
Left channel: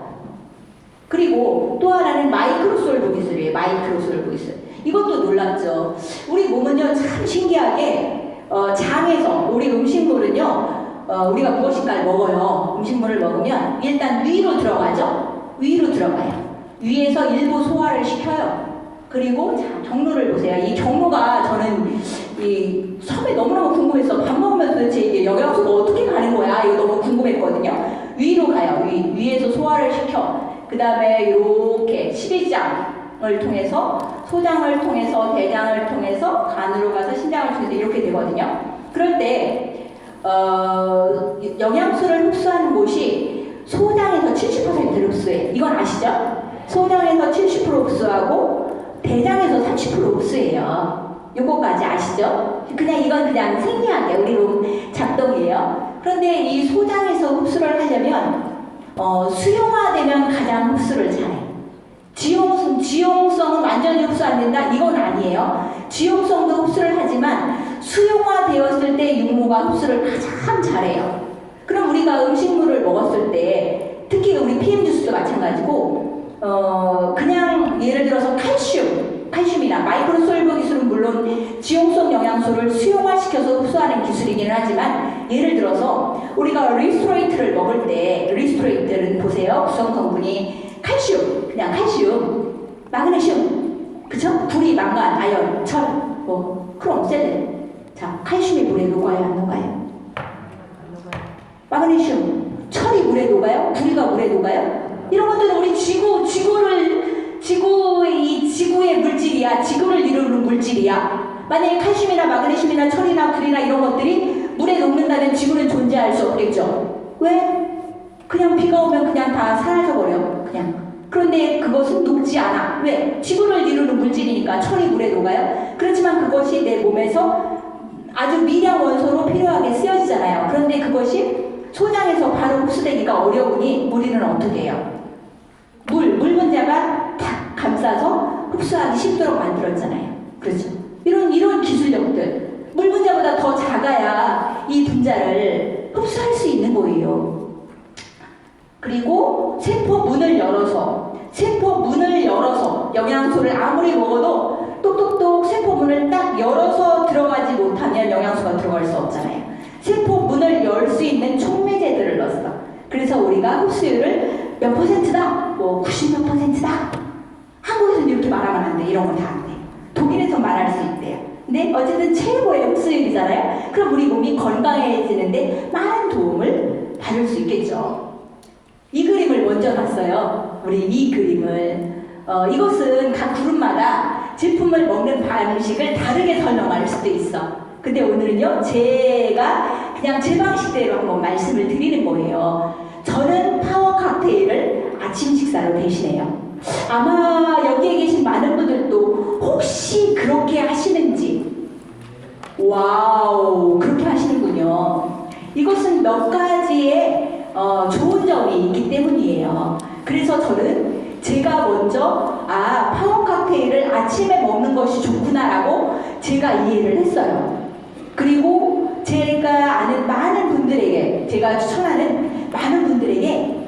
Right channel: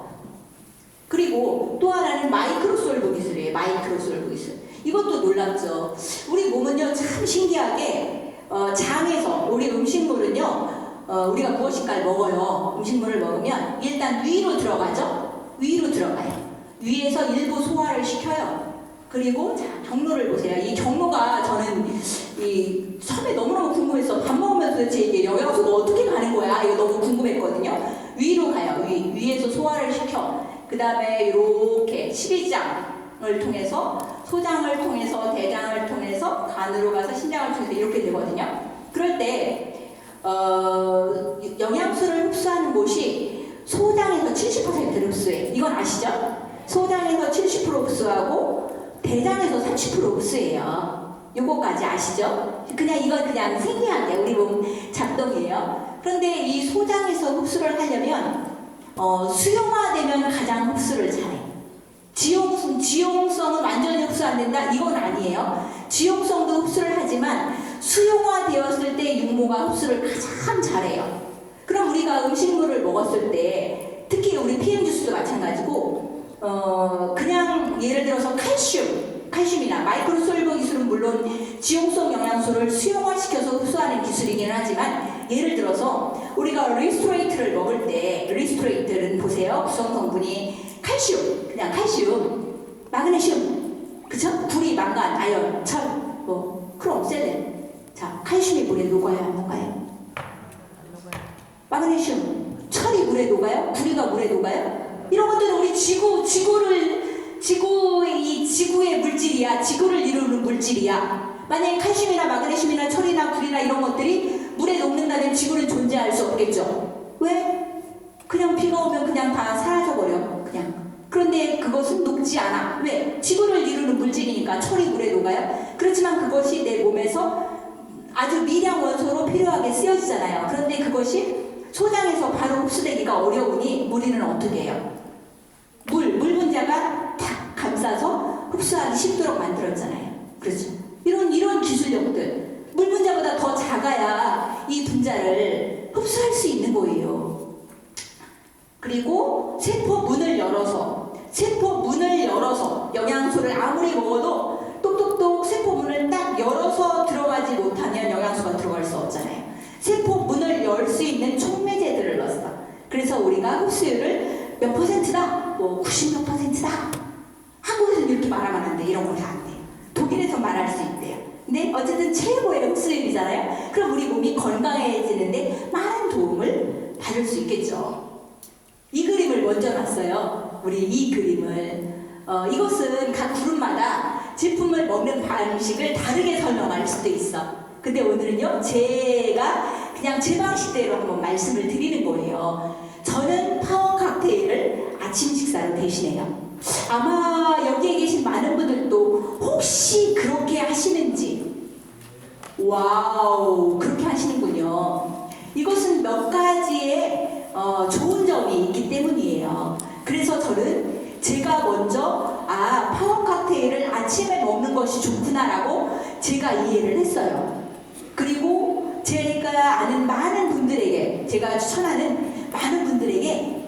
그리고 또 하나는 마이크로솔브 기술이에요. 마이크로솔브 기술. 이것도 놀랍죠. 우리 몸은요, 참 신기하게 장에서 우리 음식물은요, 우리가 무엇인가를 먹어요. 음식물을 먹으면 일단 위로 들어가죠. 위로 들어가요. 위에서 일부 소화를 시켜요. 그리고 자, 경로를 보세요. 이 경로가 저는 이 처음에 너무너무 궁금했어. 밥 먹으면서 도대체 이게 영양소가 어떻게 가는 거야? 이거 너무 궁금했거든요. 위로 가요. 위에서 소화를 시켜. 그 다음에 이렇게 십이장을 통해서, 소장을 통해서, 대장을 통해서, 간으로 가서 신장을 통해서 이렇게 되거든요. 그럴 때 영양소를 흡수하는 곳이 소장에서 70%를 흡수해. 이건 아시죠? 소장에서 70% 흡수하고 대장에서 30% 흡수해요. 요거까지 아시죠? 이건 그냥 생리학이에요. 우리 몸 작동이에요. 그런데 이 소장에서 흡수를 하려면 수용화되면 가장 흡수를 잘해. 지용성은 완전히 흡수 안 된다? 이건 아니에요. 지용성도 흡수를 하지만 수용화되었을 때 육모가 흡수를 가장 잘해요. 그럼 우리가 음식물을 먹었을 때, 특히 우리 PM 주스도 마찬가지고, 그냥 예를 들어서 칼슘이나 마이크로솔브 기술은 물론 지용성 영양소를 수용화시켜서 흡수하는 기술이기는 하지만, 예를 들어서 우리가 리스토레이트를 먹을 때, 리스토레이트는 보세요. 구성 성분이 칼슘, 그냥 칼슘, 마그네슘, 그쵸? 구리, 망간, 아연, 철, 크롬, 셀렌. 자, 칼슘이 물에 녹아요, 안 녹아요? 마그네슘, 철이 물에 녹아요? 구리가 물에 녹아요? 이런 것들은 우리 지구의 물질이야. 지구를 이루는 물질이야. 만약에 칼슘이나 마그네슘이나 철이나 구리나 이런 것들이 물에 녹는다면 지구는 존재할 수 없겠죠. 왜? 그냥 비가 오면 그냥 다 사라져버려. 그냥. 그런데 그것은 녹지 않아. 왜? 지구를 이루는 물질이니까 철이 물에 녹아요. 그렇지만 그것이 내 몸에서 아주 미량 원소로 필요하게 쓰여지잖아요. 그런데 그것이 소장에서 바로 흡수되기가 어려우니 우리는 어떻게 해요? 물 분자가 탁 감싸서 흡수하기 쉽도록 만들었잖아요. 그렇죠? 이런 기술력들. 물 분자보다 더 작아야 이 분자를 흡수할 수 있는 거예요. 그리고 세포 문을 열어서 영양소를 아무리 먹어도 똑똑똑 세포 문을 딱 열어서 들어가지 못하면 영양소가 들어갈 수 없잖아요. 세포 문을 열 수 있는 촉매제들을 넣었어. 그래서 우리가 흡수율을 몇 %다? 90몇 %다? 한국에서는 이렇게 말하면 안 돼. 이런 건 다 안 돼요. 독일에서 말할 수 있대요. 근데 어쨌든 최고의 흡수율이잖아요. 그럼 우리 몸이 건강해지는데 많은 도움을 받을 수 있겠죠. 이 그림을 먼저 봤어요. 우리 이 그림을. 이것은 각 그룹마다 제품을 먹는 방식을 다르게 설명할 수도 있어. 근데 오늘은요, 제가 그냥 제 방식대로 한번 말씀을 드리는 거예요. 저는 파워 칵테일을 아침 식사로 대신해요. 아마 여기에 계신 많은 분들도 혹시 그렇게 하시는지, 와우, 그렇게 하시는군요. 이것은 몇 가지의 좋은 점이 있기 때문이에요. 그래서 저는 제가 먼저 파워 칵테일을 아침에 먹는 것이 좋구나라고 제가 이해를 했어요. 그리고 제가 아는 많은 분들에게, 제가 추천하는 많은 분들에게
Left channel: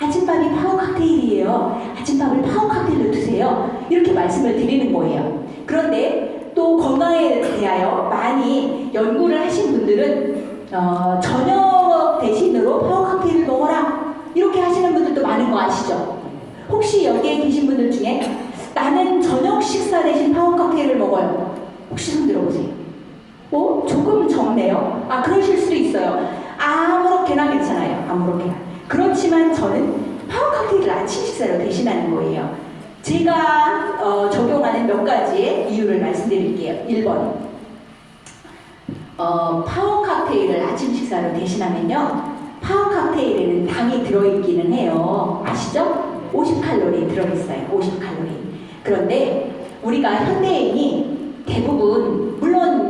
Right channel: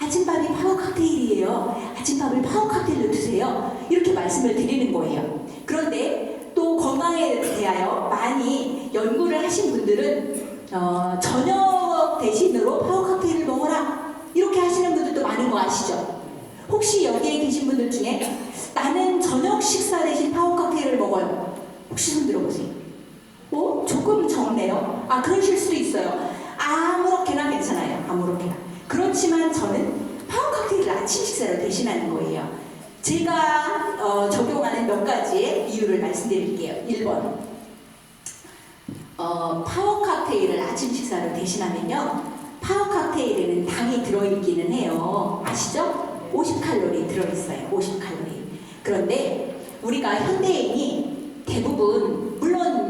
아침밥이 파워 칵테일이에요. 아침밥을 파워 칵테일로 드세요. 이렇게 말씀을 드리는 거예요. 그런데 또 건강에 대하여 많이 연구를 하신 분들은 저녁 대신으로 파워 칵테일을 먹어라, 이렇게 하시는 분들도 많은 거 아시죠? 혹시 여기에 계신 분들 중에 나는 저녁 식사 대신 파워 칵테일을 먹어요, 혹시 손 들어보세요. 조금 적네요. 그러실 수도 있어요. 아무렇게나 괜찮아요. 아무렇게나. 그렇지만 저는 파워 칵테일을 아침 식사로 대신하는 거예요. 제가 적용하는 몇 가지의 이유를 말씀드릴게요. 1번, 파워 칵테일을 아침 식사로 대신하면요, 파워 칵테일에는 당이 들어있기는 해요. 아시죠? 50칼로리 들어있어요. 50칼로리. 그런데 우리가 현대인이 대부분, 물론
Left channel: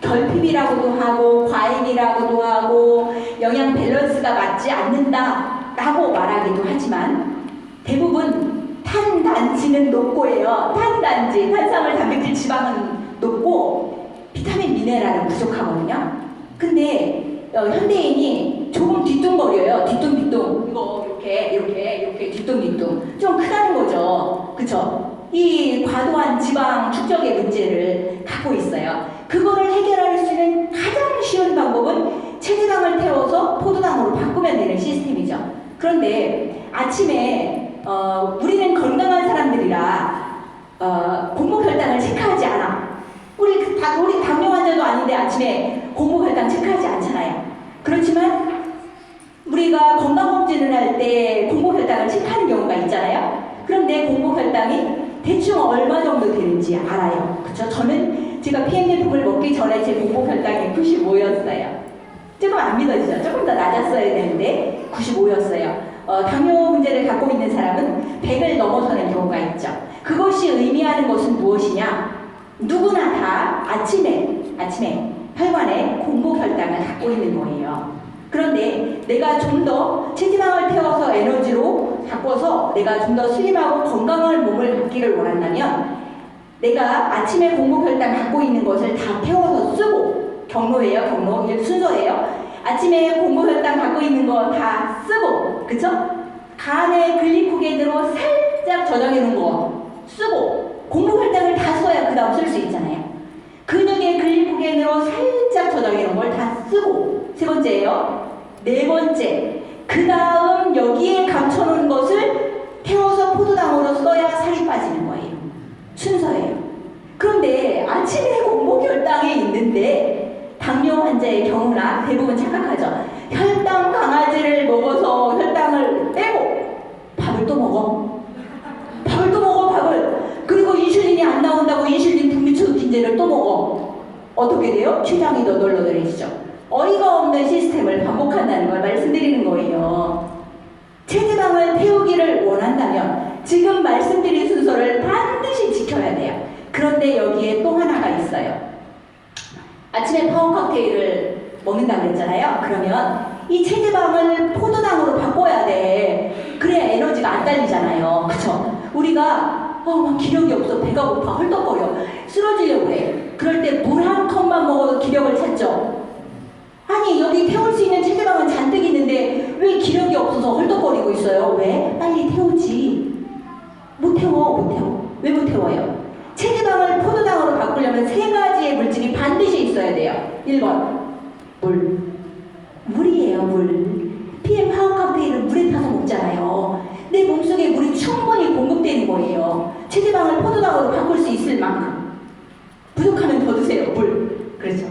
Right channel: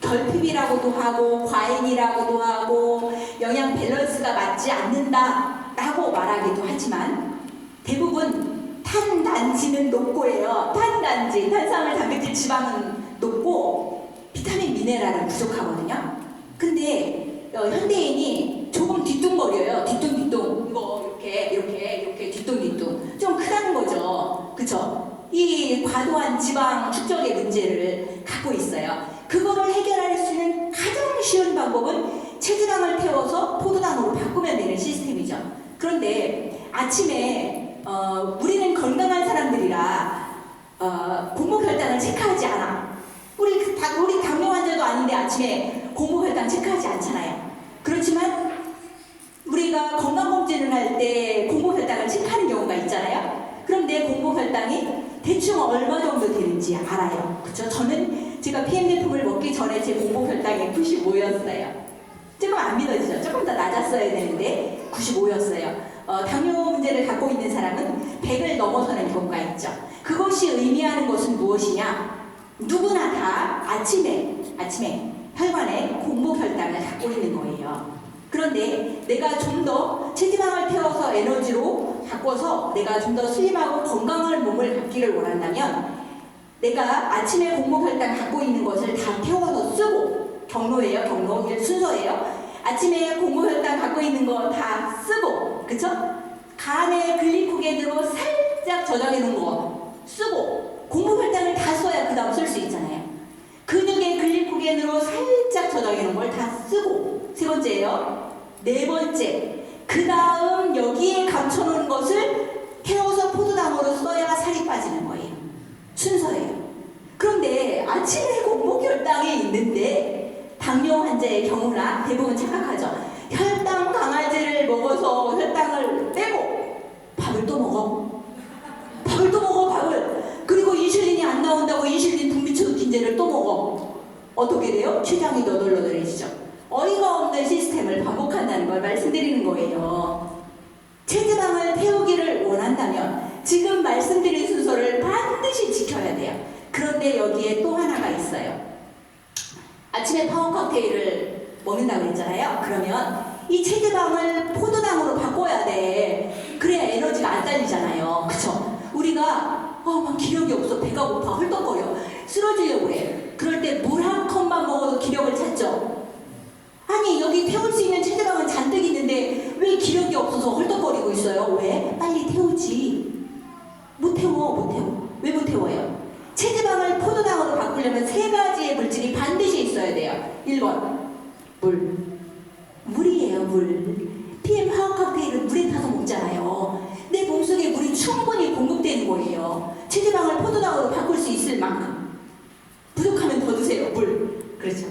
결핍이라고도 하고 과잉이라고도 하고 영양 밸런스가 맞지 않는다라고 말하기도 하지만, 대부분 탄단지는 높고요. 탄산물, 단백질, 지방은 높고 비타민, 미네랄은 부족하거든요. 근데 현대인이 조금 뒤뚱거려요. 뒤뚱뒤뚱. 이거 이렇게 뒤뚱뒤뚱. 좀 크다는 거죠. 그쵸? 이 과도한 지방 축적의 문제를 갖고 있어요. 그거를 해결할 수 있는 가장 쉬운 방법은 체지방을 태워서 포도당으로 바꾸면 되는 시스템이죠. 그런데 아침에 우리는 건강한 사람들이라 공복혈당을 체크하지 않아. 우리 당뇨 환자도 아닌데 아침에 공복혈당 체크하지 않잖아요. 그렇지만 우리가 건강검진을 할 때 공복혈당을 체크하는 경우가 있잖아요. 그럼 내 공복혈당이 대충 얼마 정도 되는지 알아요. 그쵸? 저는 제가 PM 제품을 먹기 전에 제 공복혈당이 95였어요. 조금 안 믿어지죠? 조금 더 낮았어야 되는데 95였어요. 당뇨 문제를 갖고 있는 사람은 100을 넘어서는 경우가 있죠. 그것이 의미하는 것은 무엇이냐? 누구나 다 아침에 혈관에 공복혈당을 갖고 있는 거예요. 그런데 내가 좀 더 체지방을 태워서 에너지로 바꿔서 내가 좀 더 슬림하고 건강한 몸을 갖기를 원한다면, 내가 아침에 공복혈당 갖고 있는 것을 다 태워서 쓰고, 경로 순서예요. 아침에 공복혈당 갖고 있는 거 다 쓰고, 그쵸? 간에 글리코겐으로 살짝 저장해 놓은 거 쓰고, 공복혈당을 다 써야 그 다음 쓸 수 있잖아요. 근육의 글리코겐으로 살짝 저장해 놓은 걸 다 쓰고, 세 번째예요. 네 번째, 그 다음 여기에 감춰놓은 것을 태워서 포도당으로 써야 살이 빠지는 거예요. 순서예요. 그런데 아침에 공복혈당이 있는데 당뇨 환자의 경우나 대부분 착각하죠. 혈당 강아지를 먹어서 혈당을 빼고 밥을 또 먹어. 그리고 인슐린이 안 나온다고 인슐린 분비축 긴제를 또 먹어. 어떻게 돼요? 췌장이 너덜너덜해지죠. 어이가 없는 시스템을 반복한다는 걸 말씀드리는 거예요. 체지방을 태우기를 원한다면 지금 말씀드린 순서를 반드시 지켜야 돼요. 그런데 여기에 또 하나가 있어요. 아침에 파워 칵테일을 먹는다고 그랬잖아요. 그러면 이 체지방을 포도당으로 바꿔야 돼. 그래야 에너지가 안 딸리잖아요. 그쵸? 우리가 막 기력이 없어, 배가 고파, 헐떡거려, 쓰러지려고 해. 그럴 때 물 한 컵만 먹어도 기력을 찾죠. 아니, 여기 태울 수 있는 체지방은 잔뜩 있는데 왜 기력이 없어서 헐떡거리고 있어요? 왜? 빨리 태우지. 못 태워. 왜 못 태워요? 체지방을 포도당으로 바꾸려면 세 가지의 물질이 반드시 있어야 돼요. 1번, 물이에요, 물. PM 파워 칵테일은 물에 타서 먹잖아요. 내 몸속에 물이 충분히 공급되는 거예요. 체지방을 포도당으로 바꿀 수 있을 만큼. 부족하면 더 드세요, 물. 그렇죠,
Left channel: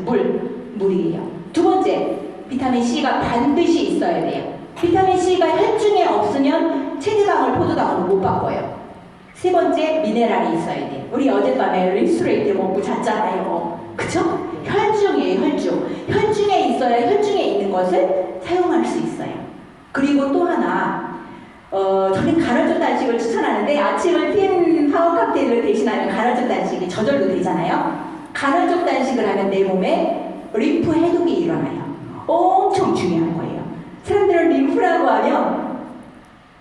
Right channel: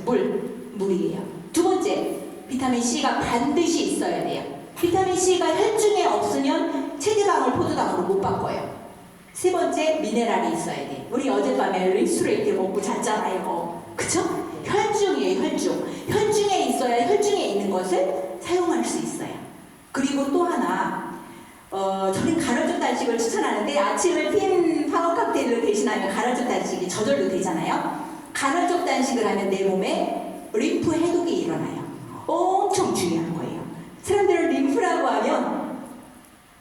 물이에요. 두 번째, 비타민 C가 반드시 있어야 돼요. 비타민 C가 혈중에 없으면 체지방을 포도당으로 못 바꿔요. 세 번째, 미네랄이 있어야 돼요. 우리 어젯밤에 리스트레이트 먹고 잤잖아요. 그쵸? 혈중이에요, 혈중. 혈중에 있어야 혈중에 있는 것을 사용할 수 있어요. 그리고 또 하나, 저는 간헐적 단식을 추천하는데, 아침을 PM 파워 칵테일을 대신하면 간헐적 단식이 저절로 되잖아요. 간헐적 단식을 하면 내 몸에 림프 해독이 일어나요. 엄청 중요한 거예요. 사람들은 림프라고 하면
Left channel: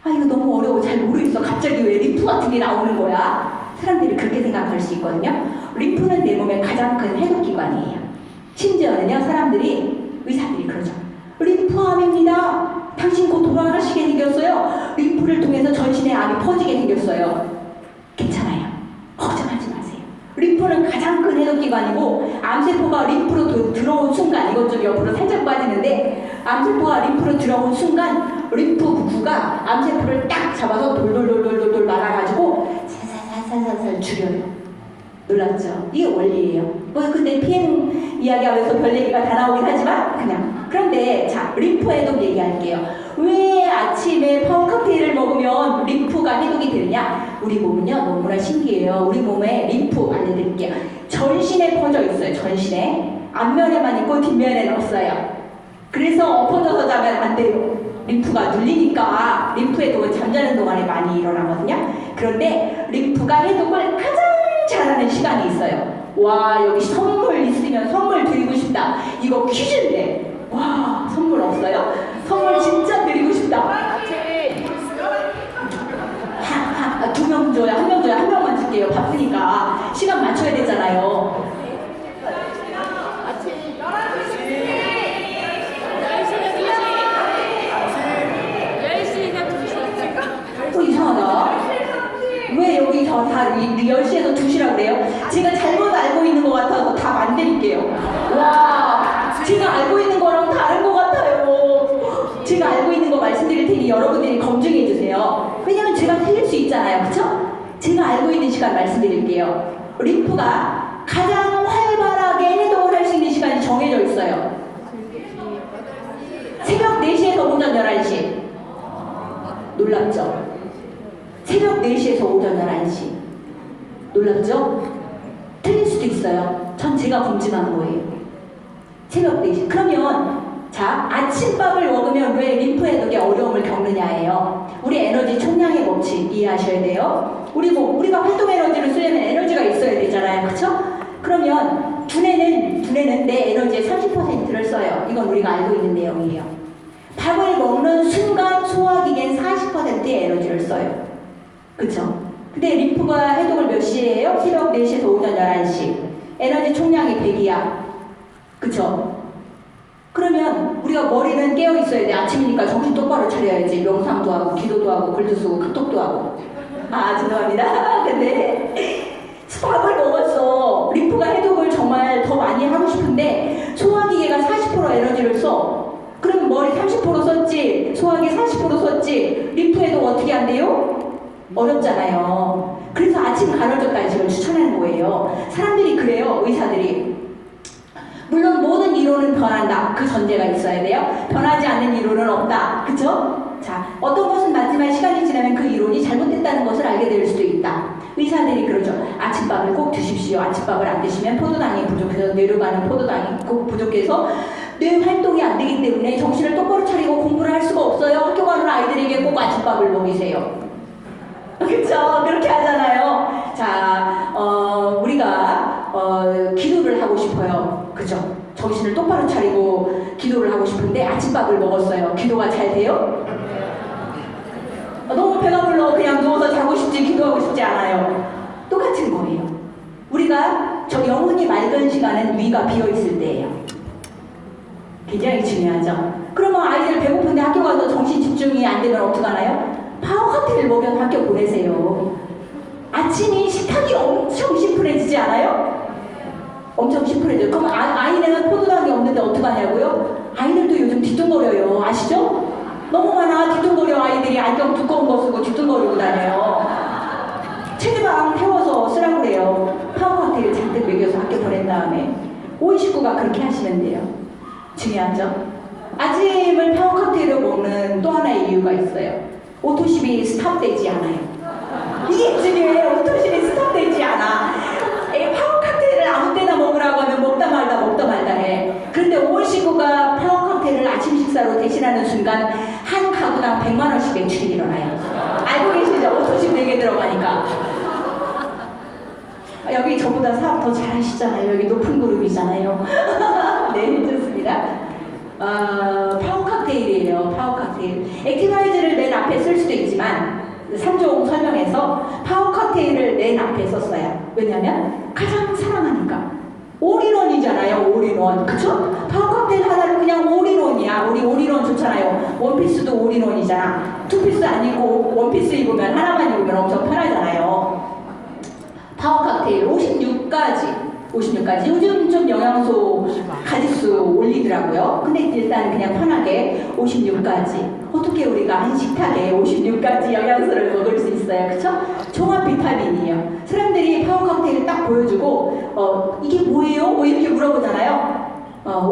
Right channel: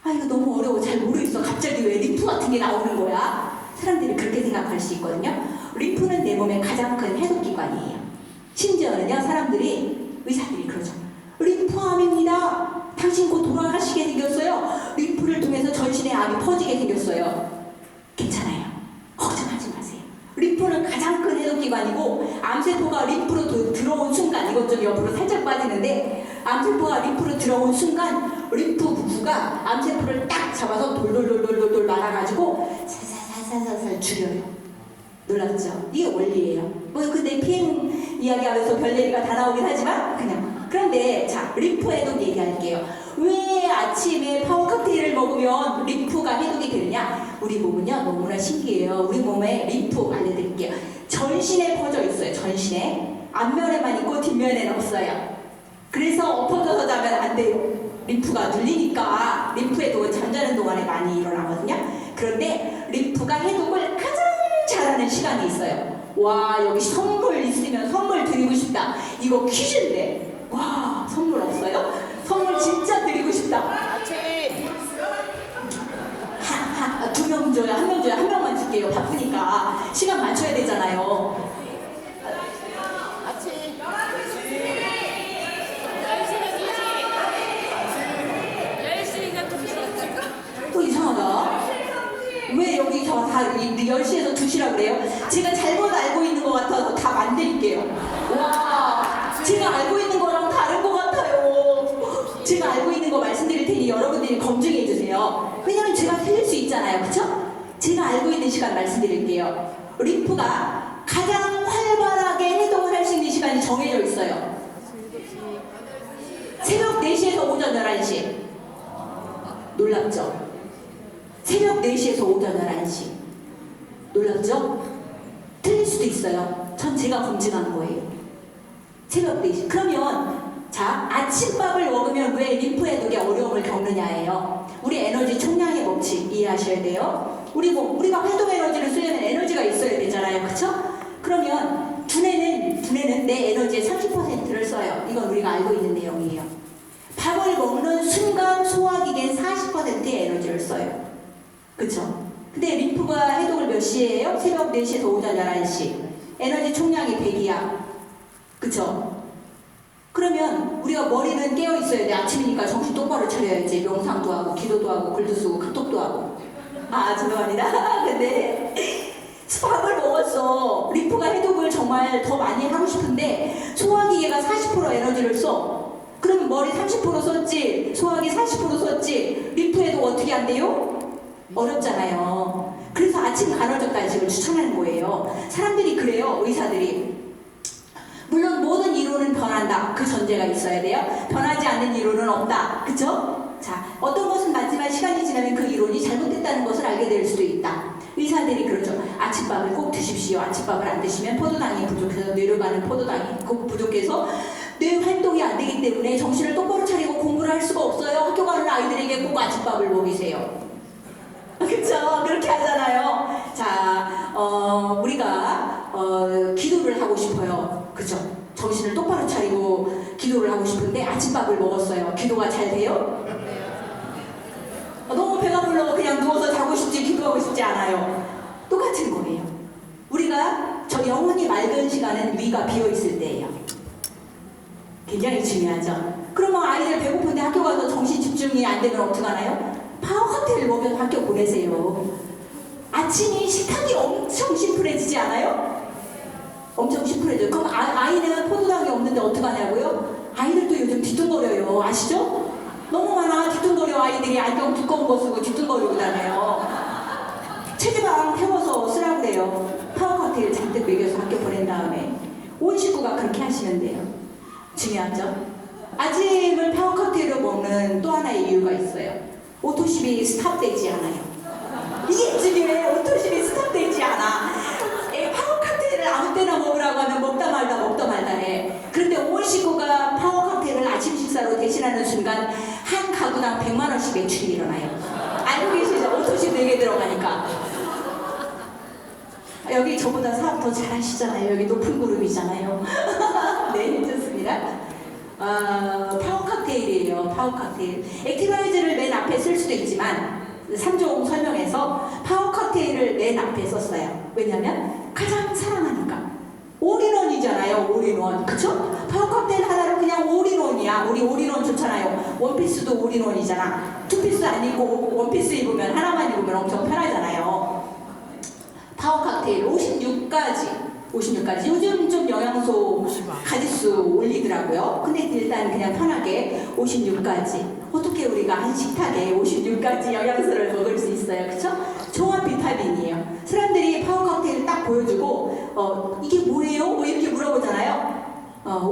이거 너무 어려워, 잘 모르겠어, 갑자기 왜 림프 같은 게 나오는 거야? 사람들이 그렇게 생각할 수 있거든요. 림프는 내 몸의 가장 큰 해독기관이에요. 심지어는요, 사람들이, 의사들이 그러죠. 림프암입니다. 당신 곧 돌아가시게 생겼어요. 림프를 통해서 전신에 암이 퍼지게 생겼어요. 괜찮아요. 걱정하지 마세요. 림프는 가장 큰 해독기관이고, 암세포가 림프로 들어온 순간, 이것 좀 옆으로 살짝 빠지는데, 암세포가 림프로 들어온 순간 림프 부부가 암세포를 딱 잡아서 돌돌돌돌돌 말아가지고 살살살살살 죽여요. 놀랐죠? 이게 원리예요. 뭐 근데 PM 이야기하면서 별 얘기가 다 나오긴 하지만 그냥. 그런데 자, 림프 해독 얘기할게요. 왜 아침에 파워 칵테일을 먹으면 림프가 해독이 되느냐? 우리 몸은요 너무나 신기해요. 우리 몸에 림프 알려드릴게요. 전신에 퍼져 있어요. 전신에. 앞면에만 있고 뒷면에는 없어요. 그래서 엎어져서 자면 안 돼요. 림프가 눌리니까 림프 해독은 잠자는 동안에 많이 일어나거든요. 그런데 림프가 해독을 가장 잘하는 시간이 있어요. 와, 여기 선물 있으면 선물 드리고 싶다. 이거 퀴즈인데. 와, 선물 없어요? 선물 진짜 드리고 싶다. 두 명 줘요. 한 명 줘요. 한 명만 줄게요. 바쁘니까. 시간 맞춰야 되잖아요. 또 이상하다. 왜 여기서 다 10시에서 2시라고 그래요? 제가 잘못 알고 있는 것 같아서 다 만들게요. 와, 제가 알고 있는 거랑 다른 것 같아요. 제가 알고 있는 거 말씀드릴 테니 여러분들이 검증해 주세요. 왜냐면 제가 틀릴 수 있잖아요. 그쵸? 제가 알고 있는 시간 말씀드릴게요. 림프가 가장 활발하게 해독을 할 수 있는 시간이 정해져 있어요. 새벽 4시에서 오전 11시. 놀랍죠? 새벽 4시에서 오전 11시. 놀랍죠? 틀릴 수도 있어요. 전 제가 검증한 거예요. 새벽 4시. 그러면 자, 아침밥을 먹으면 왜 림프 해독에 어려움을 겪느냐예요. 우리 에너지 총량의 법칙 이해하셔야 돼요. 우리가 활동 에너지를 쓰려면 에너지가 있어야 되잖아요. 그쵸? 그러면 두뇌는 내 에너지의 30%를 써요. 이건 우리가 알고 있는 내용이에요. 밥을 먹는 순간 소화기계는 40%의 에너지를 써요. 그쵸? 근데 림프가 해독을 몇 시에 해요? 새벽 4시에서 오전 11시. 에너지 총량이 100이야. 그쵸? 그러면 우리가 머리는 깨어 있어야 돼. 아침이니까 정신 똑바로 차려야지. 명상도 하고, 기도도 하고, 글도 쓰고, 카톡도 하고. 아, 죄송합니다. 근데 밥을 먹었어. 림프가 해독을 정말 더 많이 하고 싶은데 소화기계가 40% 에너지를 써. 그러면 머리 30% 썼지, 소화기 40% 썼지, 림프 해독 어떻게 안 돼요? 어렵잖아요. 그래서 아침 간헐적 단식을 추천하는 거예요. 사람들이 그래요. 의사들이. 물론 모든 이론은 변한다. 그 전제가 있어야 돼요. 변하지 않는 이론은 없다. 그쵸? 자, 어떤 것은 맞지만 시간이 지나면 그 이론이 잘못됐다는 것을 알게 될 수도 있다. 의사들이 그러죠. 아침밥을 꼭 드십시오. 아침밥을 안 드시면 포도당이 부족해서 뇌로 가는 포도당이 꼭 부족해서 뇌 활동이 안 되기 때문에 정신을 똑바로 차리고 공부를 할 수가 없어요. 학교 가는 아이들에게 꼭 아침밥을 먹이세요. 그쵸? 그렇게 하잖아요. 자, 우리가 기도를 하고 싶어요. 그죠? 정신을 똑바로 차리고 기도를 하고 싶은데 아침밥을 먹었어요. 기도가 잘 돼요? 너무 배가 불러 그냥 누워서 자고 싶지 기도하고 싶지 않아요. 똑같은 거예요. 우리가 저 영혼이 맑은 시간은 위가 비어있을 때예요. 굉장히 중요하죠. 그러면 아이들 배고픈데 학교 가서 정신 집중이 안 되면 어떡하나요? 파워 칵테일 먹여서 학교 보내세요. 아침이 식탁이 엄청 심플해지지 않아요? 엄청 심플해져요. 그럼 아이는 포도당이 없는데 어떡하냐고요? 아이들도 요즘 뒤뚱거려요. 아시죠? 너무 많아. 뒤뚱거려. 아이들이 안경 두꺼운 거 쓰고 뒤뚱거리고 다녀요. 체지방 태워서 쓰라고 그래요. 파워 칵테일 잔뜩 먹여서 학교 보낸 다음에 온 식구가 그렇게 하시면 돼요. 중요하죠? 아침을 파워 칵테일로 먹는 또 하나의 이유가 있어요. 오토십이 스탑되지 않아요. 이게 중요해요. 오토십이 스탑되지 않아. 파워 칵테일을 아무 때나 먹으라고 하면 먹다 말다 해. 그런데 온 식구가 파워 칵테일을 아침 식사로 대신하는 순간 한 가구당 100만 원씩 매출이 일어나요. 알고 계시죠? 오토십 4개 들어가니까. 여기 저보다 사업 더 잘하시잖아요. 여기 높은 그룹이잖아요. 네, 좋습니다. 파워 칵테일이에요. 파워 칵테일. 액티바이즈를 맨 앞에 쓸 수도 있지만 3종 설명에서 파워 칵테일을 맨 앞에 썼어요. 왜냐면 가장 사랑하니까. 올인원이잖아요. 올인원. 그쵸? 파워 칵테일 하나는 그냥 올인원이야. 우리 올인원 좋잖아요. 원피스도 올인원이잖아. 투피스 안 입고 원피스 입으면 하나만 입으면 엄청 편하잖아요. 파워 칵테일 56가지 요즘 좀 영양소 가짓수 올리더라고요. 근데 일단 그냥 편하게 56가지. 어떻게 우리가 한 식탁에 56가지 영양소를 먹을 수 있어요? 그쵸? 종합 비타민이에요. 사람들이 파워 칵테일을 딱 보여주고 이게 뭐예요? 뭐 이렇게 물어보잖아요.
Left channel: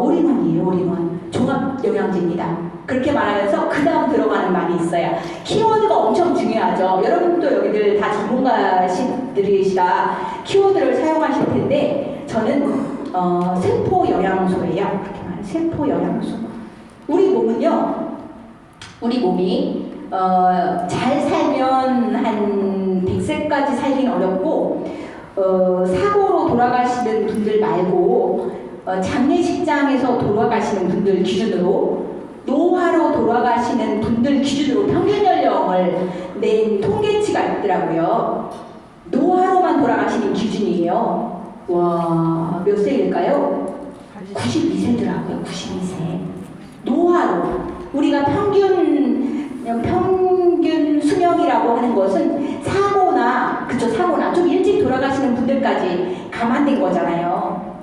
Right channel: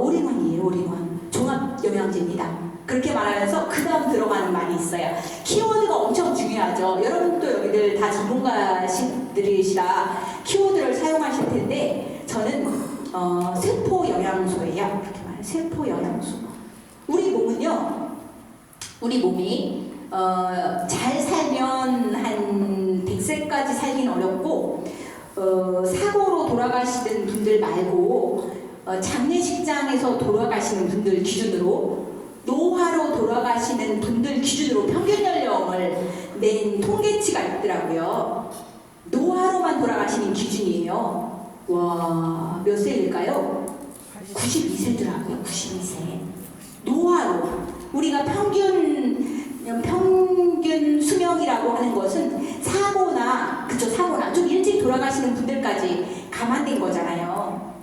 올인원이에요. 올인원. 종합 영양제입니다. 그렇게 말하면서 그 다음 들어가는 말이 있어요. 키워드가 엄청 중요하죠. 여러분도 여기들 다 전문가들이시라 키워드를 사용하실 텐데 저는 세포 영양소예요. 그렇게 말해요. 세포 영양소. 우리 몸이 잘 살면 한 100세까지 살긴 어렵고 사고로 돌아가시는 분들 말고 장례식장에서 돌아가시는 분들 기준으로 노화로 돌아가시는 분들 기준으로 평균 연령을 낸 통계치가 있더라고요. 노화로만 돌아가시는 기준이에요. 와, 몇 세일까요? 92세더라고요. 92세. 노화로. 우리가 평균 수명이라고 하는 것은 사고나 좀 일찍 돌아가시는 분들까지 감안된 거잖아요.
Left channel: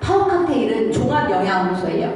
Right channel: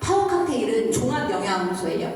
파워 칵테일은 종합 영양소예요.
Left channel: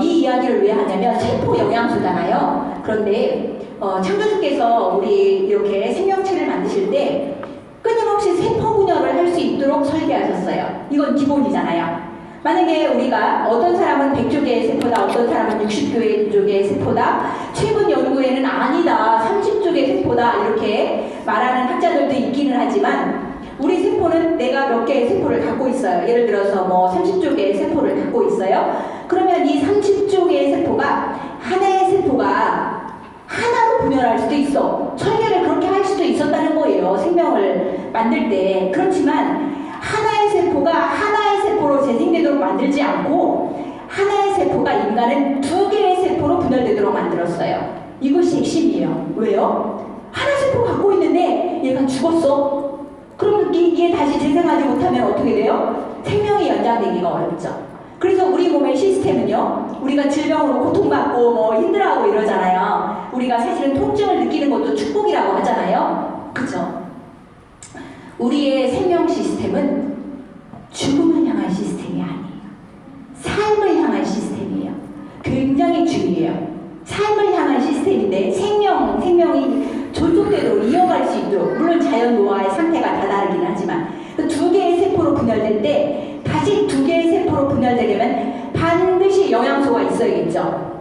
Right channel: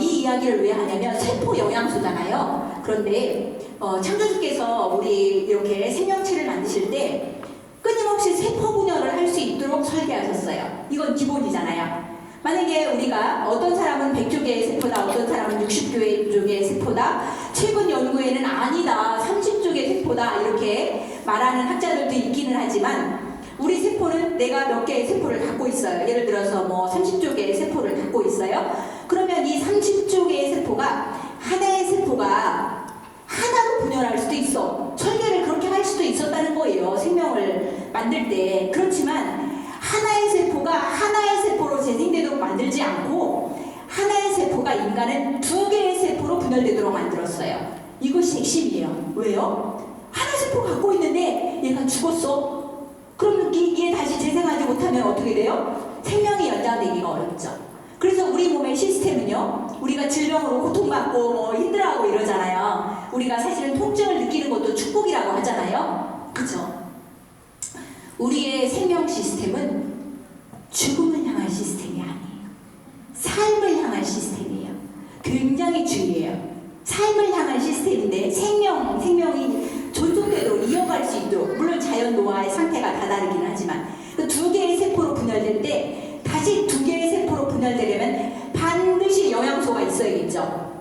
이 이야기를 왜 하냐면 세포 영양소잖아요. 그런데 창조주께서 우리 이렇게 생명체를 만드실 때 끊임없이 세포 분열을 할 수 있도록 설계하셨어요. 이건 기본이잖아요. 만약에 우리가 어떤 사람은 100조개의 세포다, 어떤 사람은 60조개의 세포다, 최근 연구에는 아니다, 30조개의 세포다 이렇게 말하는 학자들도 있기는 하지만 우리 세포는 내가 몇 개의 세포를 갖고 있어요. 예를 들어서 뭐 30조개의 세포를 갖고 있어요. 그러면 이 30조개의 세포가 하나의 세포가 하나로 분열할 수도 있어. 설계를 그렇게 할 수도 있었다는 거예요. 생명을 만들 때. 그렇지만 하나의 세포가 하나의 세포로 재생되도록 만들지 않고 하나의 세포가 인간은 2개의 세포로 분열되도록 만들었어요. 이것이 핵심이에요. 왜요? 하나 세포 갖고 있는데 얘가 죽었어. 그럼 이게 다시 재생하지 못하면 어떻게 돼요? 생명이 연장되기가 어렵죠. 그래서 우리 몸의 시스템은요, 우리가 질병으로 고통받고 뭐 힘들어하고 이러잖아요. 우리가 사실은 통증을 느끼는 것도 축복이라고 하잖아요. 그죠? 우리의 생명 시스템은 죽음을 향한 시스템이 아니에요. 삶을 향한 시스템이에요. 굉장히 중요해요. 삶을 향한 시스템인데 생명이 존속되도록 이어갈 수 있도록, 물론 자연 노화의 상태가 다 다르긴 하지만 그 2개의 세포로 분열될 때 다시 2개의 세포로 분열되려면 반드시 영양소가 있어야겠죠.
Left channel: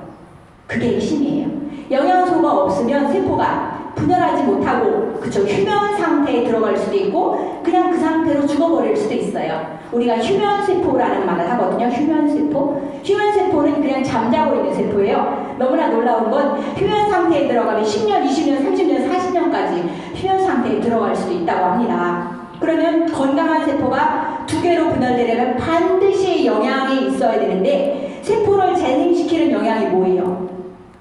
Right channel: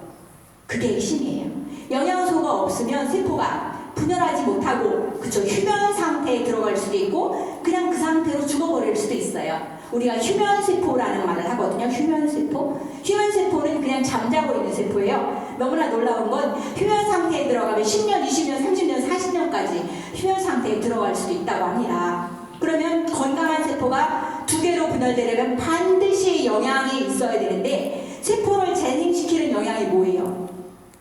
그게 핵심이에요. 영양소가 없으면 세포가 분열하지 못하고 휴면 상태에 들어갈 수도 있고 그냥 그 상태로 죽어버릴 수도 있어요. 우리가 휴면세포라는 말을 하거든요. 휴면세포. 휴면세포는 그냥 잠자고 있는 세포예요. 너무나 놀라운 건 휴면 상태에 들어가면 10년, 20년, 30년, 40년까지 휴면 상태에 들어갈 수도 있다고 합니다. 그러면 건강한 세포가 2개로 분열되려면 반드시 영양이 있어야 되는데 세포를 재생시키는 영양이 뭐예요?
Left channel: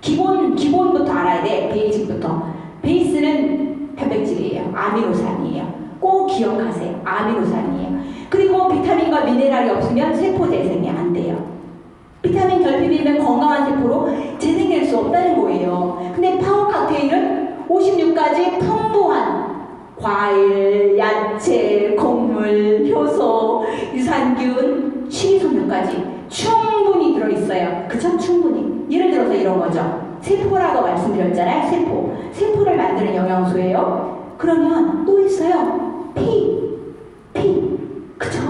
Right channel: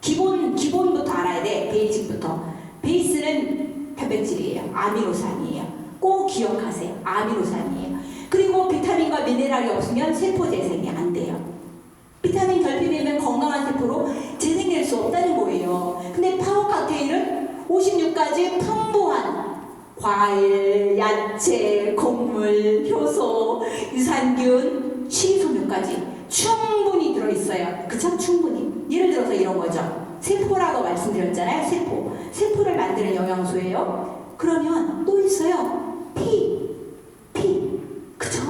기본부터 알아야 돼. 베이직부터. 베이스는 단백질이에요. 아미노산이에요. 꼭 기억하세요. 아미노산이에요. 그리고 비타민과 미네랄이 없으면 세포 재생이 안 돼요. 비타민 결핍이면 건강한 세포로 재생될 수 없다는 거예요. 근데 파워 칵테일은 56가지 풍부한 과일, 야채, 곡물, 효소, 유산균, 식이섬유까지 충분히 들어있어요. 그쵸? 충분히. 예를 들어서 이런 거죠. 세포라고 말씀드렸잖아요. 세포를 만드는 영양소예요. 그러면 또 있어요. 피. 그쵸?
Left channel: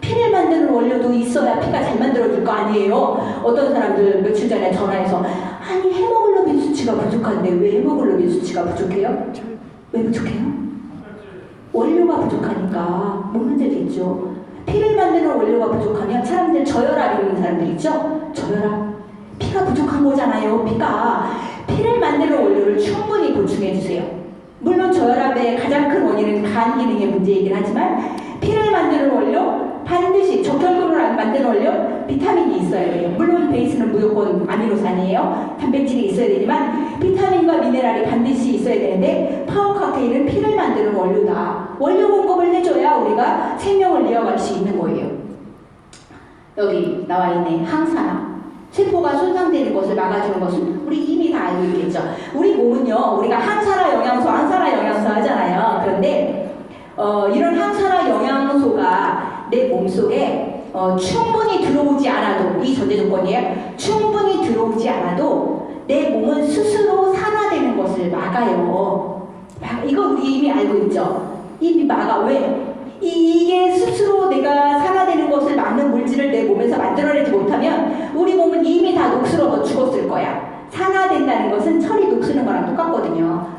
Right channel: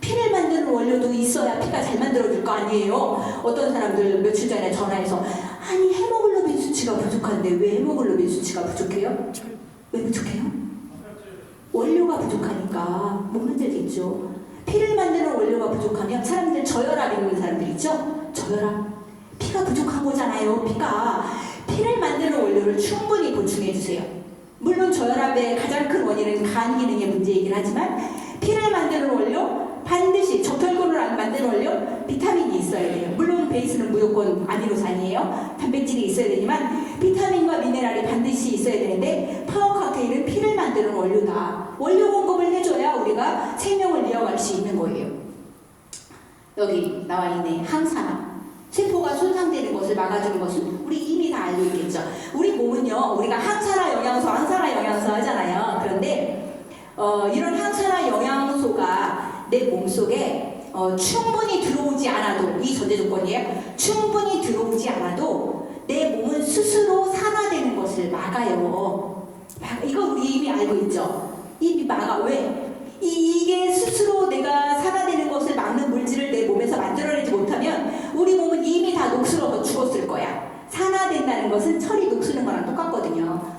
피를 만드는 원료도 있어야 피가 잘 만들어질 거 아니에요. 어떤 사람들 며칠 전에 전화해서 아니 헤모글로빈 수치가 부족한데 왜 헤모글로빈 수치가 부족해요? 왜 부족해요? 원료가 부족하니까 뭐 문제도 있죠. 피를 만드는 원료가 부족하면 사람들 저혈압 있는 사람들 있죠? 저혈압. 피가 부족한 거잖아요. 피를 만드는 원료를 충분히 보충해주세요. 물론 저혈압의 가장 큰 원인은 간 기능의 문제이긴 하지만 피를 만드는 원료 반드시 적혈근을 만드는 원료 비타민이 있어야 돼요. 물론 베이스는 무조건 아미노산이에요. 단백질이 있어야 되지만 비타민과 미네랄이 반드시 있어야 되는데 파워 칵테일은 피를 만드는 원료다. 원료 공급을 해줘야 해야 우리가 생명을 이어갈 수 있는 거예요. 여기 나와 있네. 항산화. 세포가 손상되는 것을 막아주는 것은 우리 이미 다 알고 있겠죠. 우리 몸은요, 우리가 항산화 영양소 하잖아요. 그런데 이런 항산화 영양소가 내 몸속에 충분히 들어오지 않아도, 이 전제 조건이에요. 충분히 들어오지 않아도 내 몸은 스스로 산화되는 것을 막아요. 이거 우리 이미 알고 있죠. 이미 막아. 왜? 이게 스스로 내가 산화되는 것을 막는 물질을 내 몸에서 만들어내지 못하면 우리 몸은 이미 다 녹슬어서 죽었을 거야. 산화된다는 것은 철이 녹슬는 거랑 똑같거든요.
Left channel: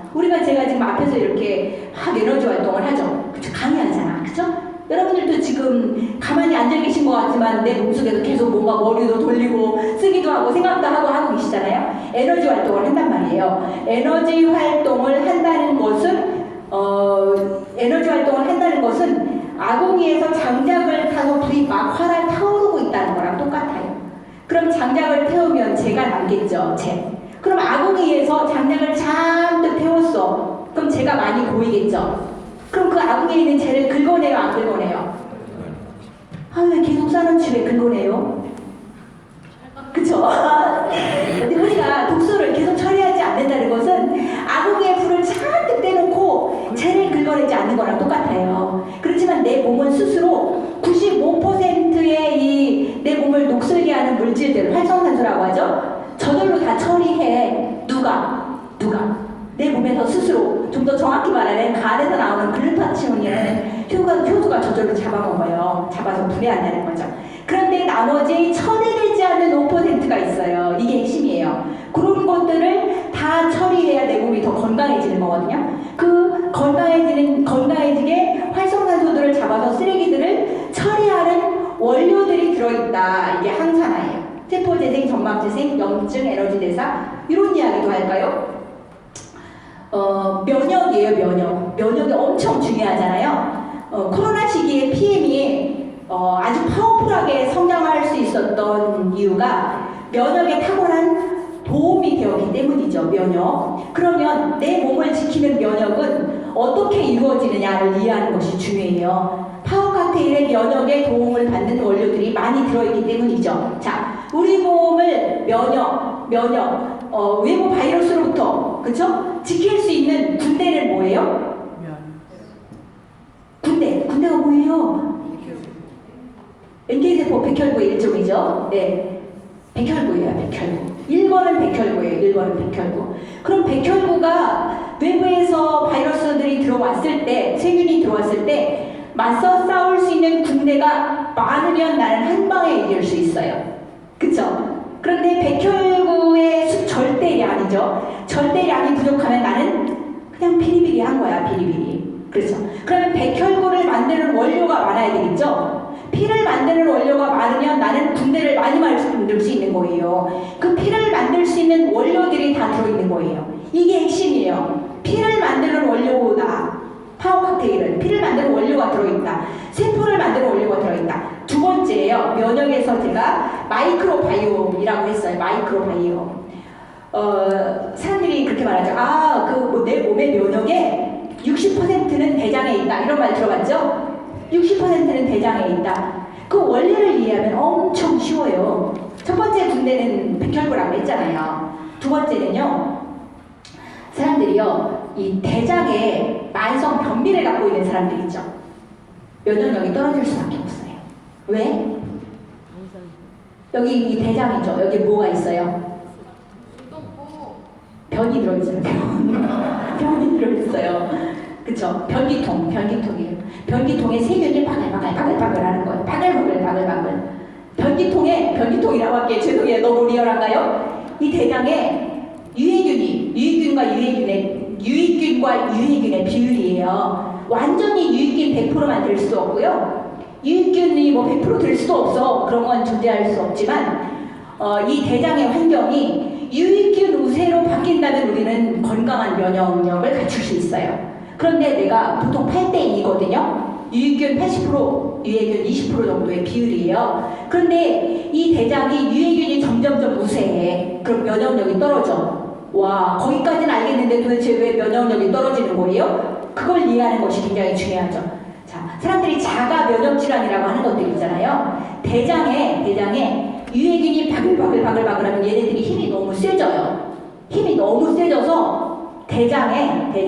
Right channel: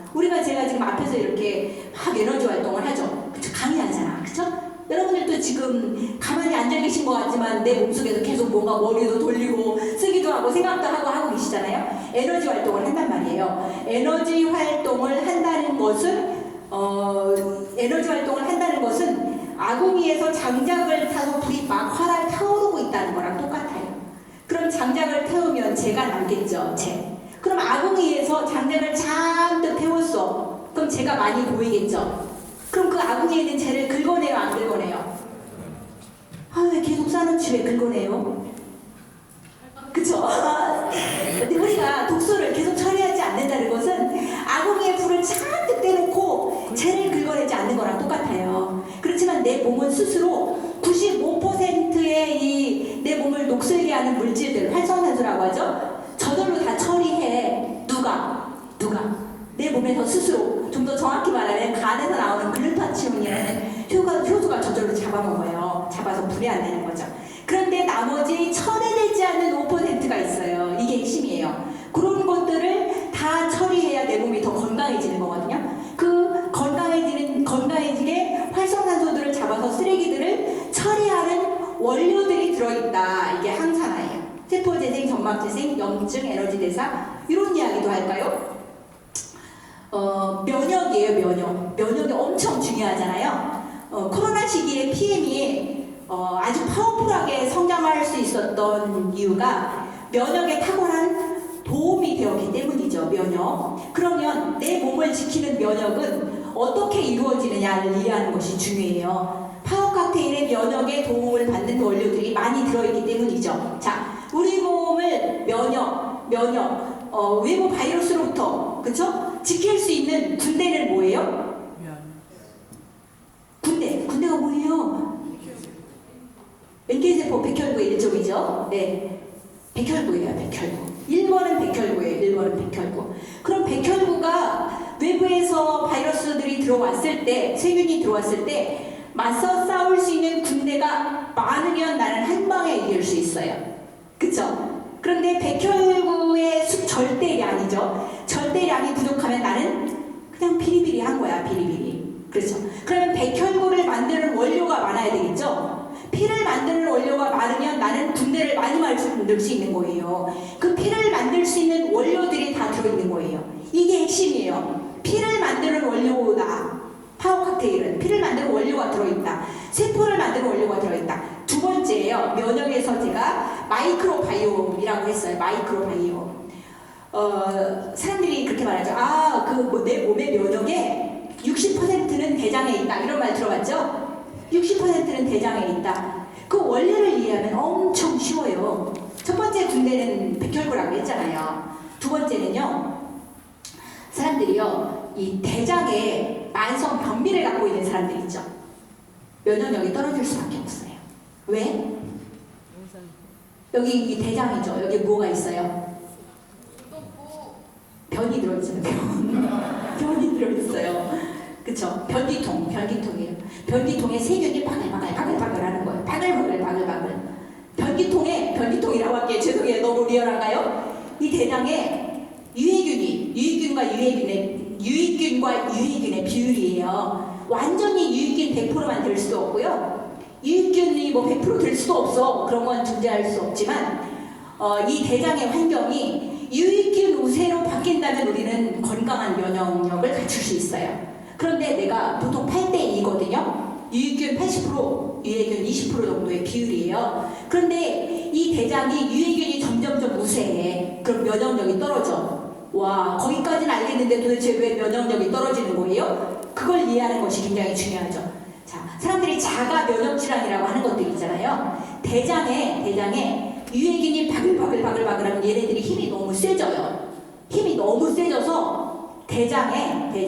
제가 지금 앞에서 이렇게 막 에너지 활동을 하죠. 그쵸? 강의하잖아. 그쵸? 여러분들도 지금 가만히 앉아 계신 것 같지만 내 몸속에서 계속 뭔가 머리도 돌리고 쓰기도 하고 생각도 하고 계시잖아요. 에너지 활동을 한단 말이에요. 에너지 활동을 한다는 것은 아궁이에서 장작을 타서 불이 막 활활 타오르고 있다는 거랑 똑같아요. 그럼 장작을 태우면 재가 남겠죠. 재. 그럼 아궁이에서 장작을 잔뜩 태웠어. 그럼 재가 많이 보이겠죠. 그럼 그 아궁이에 있는 재를 긁어내요, 안 긁어내요? 왜 계속 쌓아놓지 왜 긁어내요? 그쵸? 근데 우리가 독소를 계속 처리하지 않는다는 것은 아궁이에 불을 잔뜩 떼놓고 재를 긁어내지 않는 거랑 똑같아요. 그렇지만 내 몸은 스스로 95%의 내 몸을 녹슬게 하는 물질들, 활성산소라고 하죠? 저절로 다 처리해. 누가? 내 몸에서 스스로. 좀 더 정확히 말하면 간에서 나오는 글루타치온이라는 효소가 저절로 잡아먹어요. 잡아서 분해한다는 거죠. 그런데 나머지 처리되지 않는 5%가 있어요. 이게 핵심이에요. 그런 것들을 다 처리해야 내 몸이 더 건강해지는 거거든요. 그 건강해지게 활성산소들을 잡아서 쓰레기들을 처리하는 원료들이 들어있다. 이게 항산화예요. 세포재생, 점막재생, 염증, 에너지 대사, 이런 이야기도 할까요? 면역이에요. 면역이 엄청 중요하잖아요. 코로나 시기에 PM이 아주 파워풀하게 성장할 수 있었던 이유가 면역에 탁월한 도움이 되었기 때문이죠. 면역. 그러면 내 몸을 지키는 면역은 어떻게 이루어지느냐를 이해하는 것이 중요해요. 파워 칵테일에 면역에 도움을 받는 원료들이 많이 들어있기 때문이죠. 자, 우리 몸을 외부 바이러스로부터, 그쵸? 지킬 수 있는 군대는 뭐예요? 군대가 뭐예요? NK세포 백혈구의 일종이죠. 네. 백혈구예요, 백혈구. 1번은 백혈구. 그럼 백혈구가 외부에서 바이러스들이 들어왔을 때, 세균이 들어왔을 때, 맞서 싸울 수 있는 군대가 많으면 나는 한 방에 이길 수 있어요. 그쵸? 그런데 백혈구의 절대량이죠. 절대량이 부족하면 나는 그냥 비리비리한 거야, 비리비리. 그렇죠? 그러면 백혈구를 만드는 원료가 많아야 되겠죠? 피를 만드는 원료가 많으면 나는 군대를 많이 만들 수 있는 거예요. 그 피를 만들 수 있는 원료들이 다 들어있는 거예요. 이게 핵심이에요. 피를 만드는 원료다. 파워 칵테일은 피를 만드는 원료가 들어있다. 세포를 만드는 원료가 들어있다. 두 번째예요. 면역에서 제가 마이크로바이옴이라고 했어요. 마이크로바이옴. 사람들이 그렇게 말하죠. 내 몸의 면역에 60%는 대장에 있다. 이런 말 들어봤죠? 60%는 대장에 있다. 그 원리를 이해하면 엄청 쉬워요. 첫 번째 군대는 백혈구라고 했잖아요. 두 번째는요. 사람들이요. 이 대장에 만성 변비를 갖고 있는 사람들 있죠. 면역력이 떨어질 수밖에 없어요. 왜? 여기 이 대장이죠. 여기 뭐가 있어요? 변이 들어있어요. 변이 들어있어요. 그쵸? 변기통이에요. 변기통에 세균이 바글바글 하는 거예요. 바글바글. 변기통이라고 할게요. 죄송해요. 너무 리얼한가요? 이 대장에 유익균과 유해균의 비율이에요. 완전히 유익균 100% 만들 수도 없고요. 유익균이 100% 될 수도 없어. 그런 건 존재할 수 없지만 이 대장의 환경이 유익균 우세로 바뀐다면 우리는 건강한 면역력을 갖출 수 있어요. 그런데 내가 보통 8대2거든요. 유익균 80%, 유해균 20% 정도의 비율이에요. 그런데 이 대장이 유해균이 점점점 우세해. 그럼 면역력이 떨어져. 와, 거기까지는 알겠는데 도대체 왜 면역력이 떨어지는 거예요? 그걸 이해하는 것이 굉장히 중요하죠. 자, 사람들이 자가 면역 질환이라고 하는 것들이 있잖아요. 대장에 유해균이 바글바글하면 얘네들이 힘이 너무 세져요. 힘이 너무 세져서 대장에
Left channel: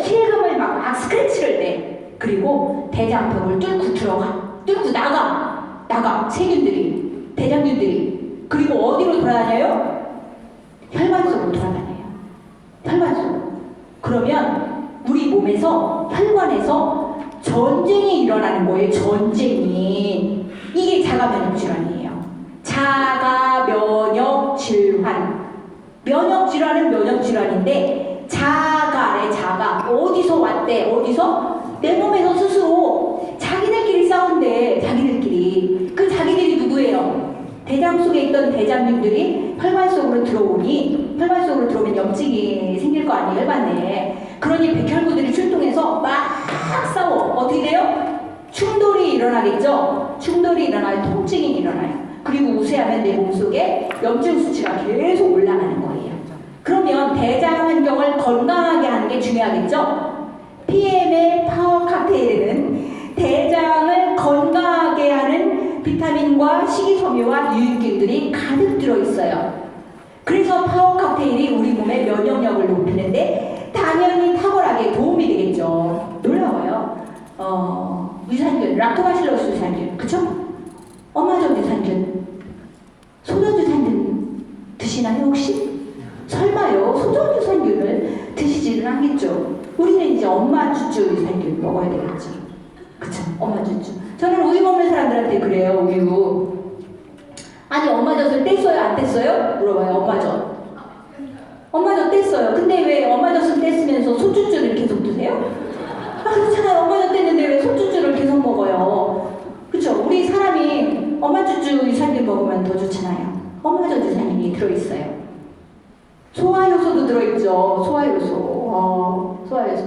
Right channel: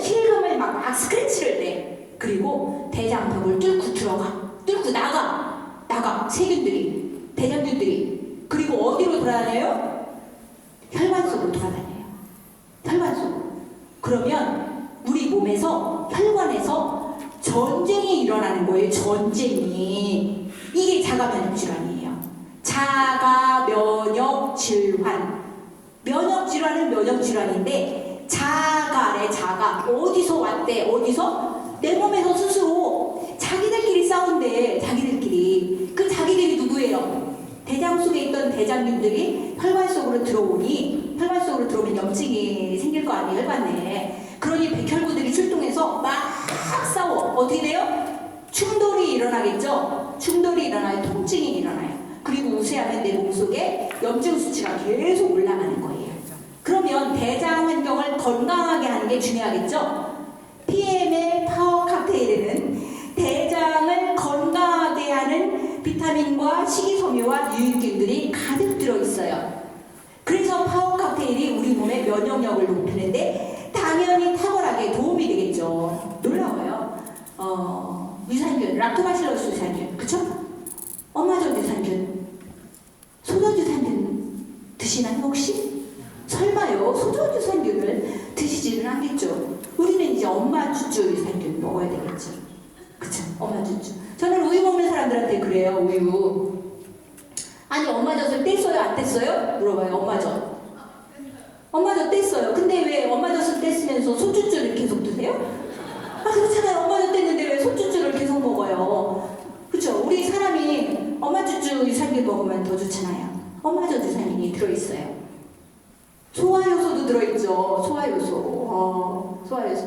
실금을 막 스크래치를 내. 그리고 대장벽을 뚫고 나가 세균들이, 대장균들이. 그리고 어디로 돌아다녀요? 혈관 속으로 돌아다녀요. 혈관 속으로. 그러면 우리 몸에서, 혈관에서 전쟁이 일어나는 거예요. 전쟁이. 이게 자가면역 질환이에요. 자가면역 질환. 면역 질환은 면역 질환인데 자가 어디서 왔대? 어디서? 내 몸에서 스스로 자기들끼리 싸운대. 자기들끼리. 그 자기들이 누구예요? 대장 속에 있던 대장균들이 혈관 속으로 들어오니, 혈관 속으로 들어오면 염증이 생길 거 아니에요, 혈관 내에. 그러니 백혈구들이 출동해서 막 싸워. 어떻게 돼요? 충돌이 일어나겠죠? 충돌이 일어나요. 통증이 일어나요. 그리고 우세하면 내 몸속에 염증 수치가 계속 올라가는 거예요. 그러면 대장 환경을 건강하게 하는 게 중요하겠죠? PM의 파워 칵테일에는 대장을 건강하게 하는 비타민과 식이섬유와 유익균들이 가득 들어있어요. 그래서 파워 칵테일이 우리 몸의 면역력을 높이는데 당연히 탁월하게 도움이 되겠죠. 놀라워요. 유산균, 락토바실러스 유산균, 그쵸? 엄마적 유산균, 소전 유산균 드시나요 혹시? 설마요? 소전 유산균을 드시지는 않겠죠? 우리는 이제 엄마 주주 유산균 먹어야 되겠죠. 그쵸? 엄마 주주. 저는 우유 먹는 사람들한테 그래요. 우유. 아니 엄마 젖을 뗐어요? 안 뗐어요? 물어봐요. 엄마 젖. 엄마 젖 뗐어요. 근데 왜 엄마 젖을 뗐으면서 소주주를 계속 드세요? 아 그렇잖아요. 엄마 젖 뗐는데 왜 소주주를 계속 먹어요? 그쵸? 우리 사람이 엄마 주주 유산균 먹으면 더 좋잖아요. 엄마 젖 유산균이 들어있어요. 소화효소도 들어있죠. 소화효소,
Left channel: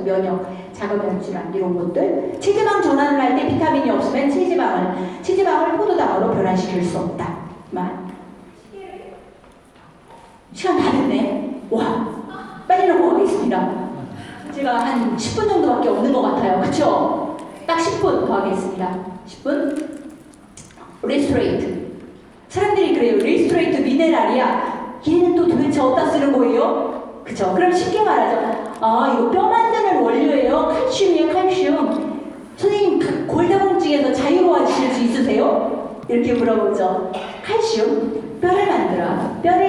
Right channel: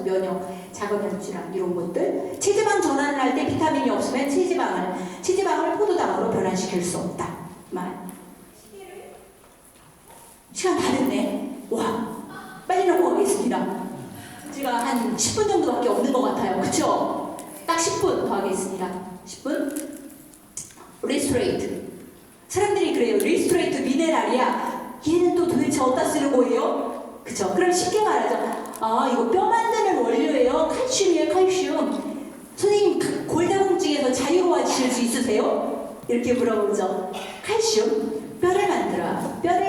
면역, 자가면역 질환 이런 것들. 체지방 전환을 할 때 비타민이 없으면 체지방을 포도당으로 변환시킬 수 없다. 시간 다 됐네. 와, 빨리 넘어가겠습니다. 제가 한 10분 정도밖에 없는 것 같아요. 그쵸? 딱 10분 더 하겠습니다. 10분. 리스토레이트. 사람들이 그래요. 리스토레이트 미네랄이야. 얘는 또 도대체 어디다 쓰는 거예요? 그쵸? 그럼 쉽게 말하죠. 아, 이거 뼈 만드는 원료예요. 칼슘이에요, 칼슘. 선생님, 골다공증에서 자유로워지실 수 있으세요? 이렇게 물어보죠. 칼슘, 뼈를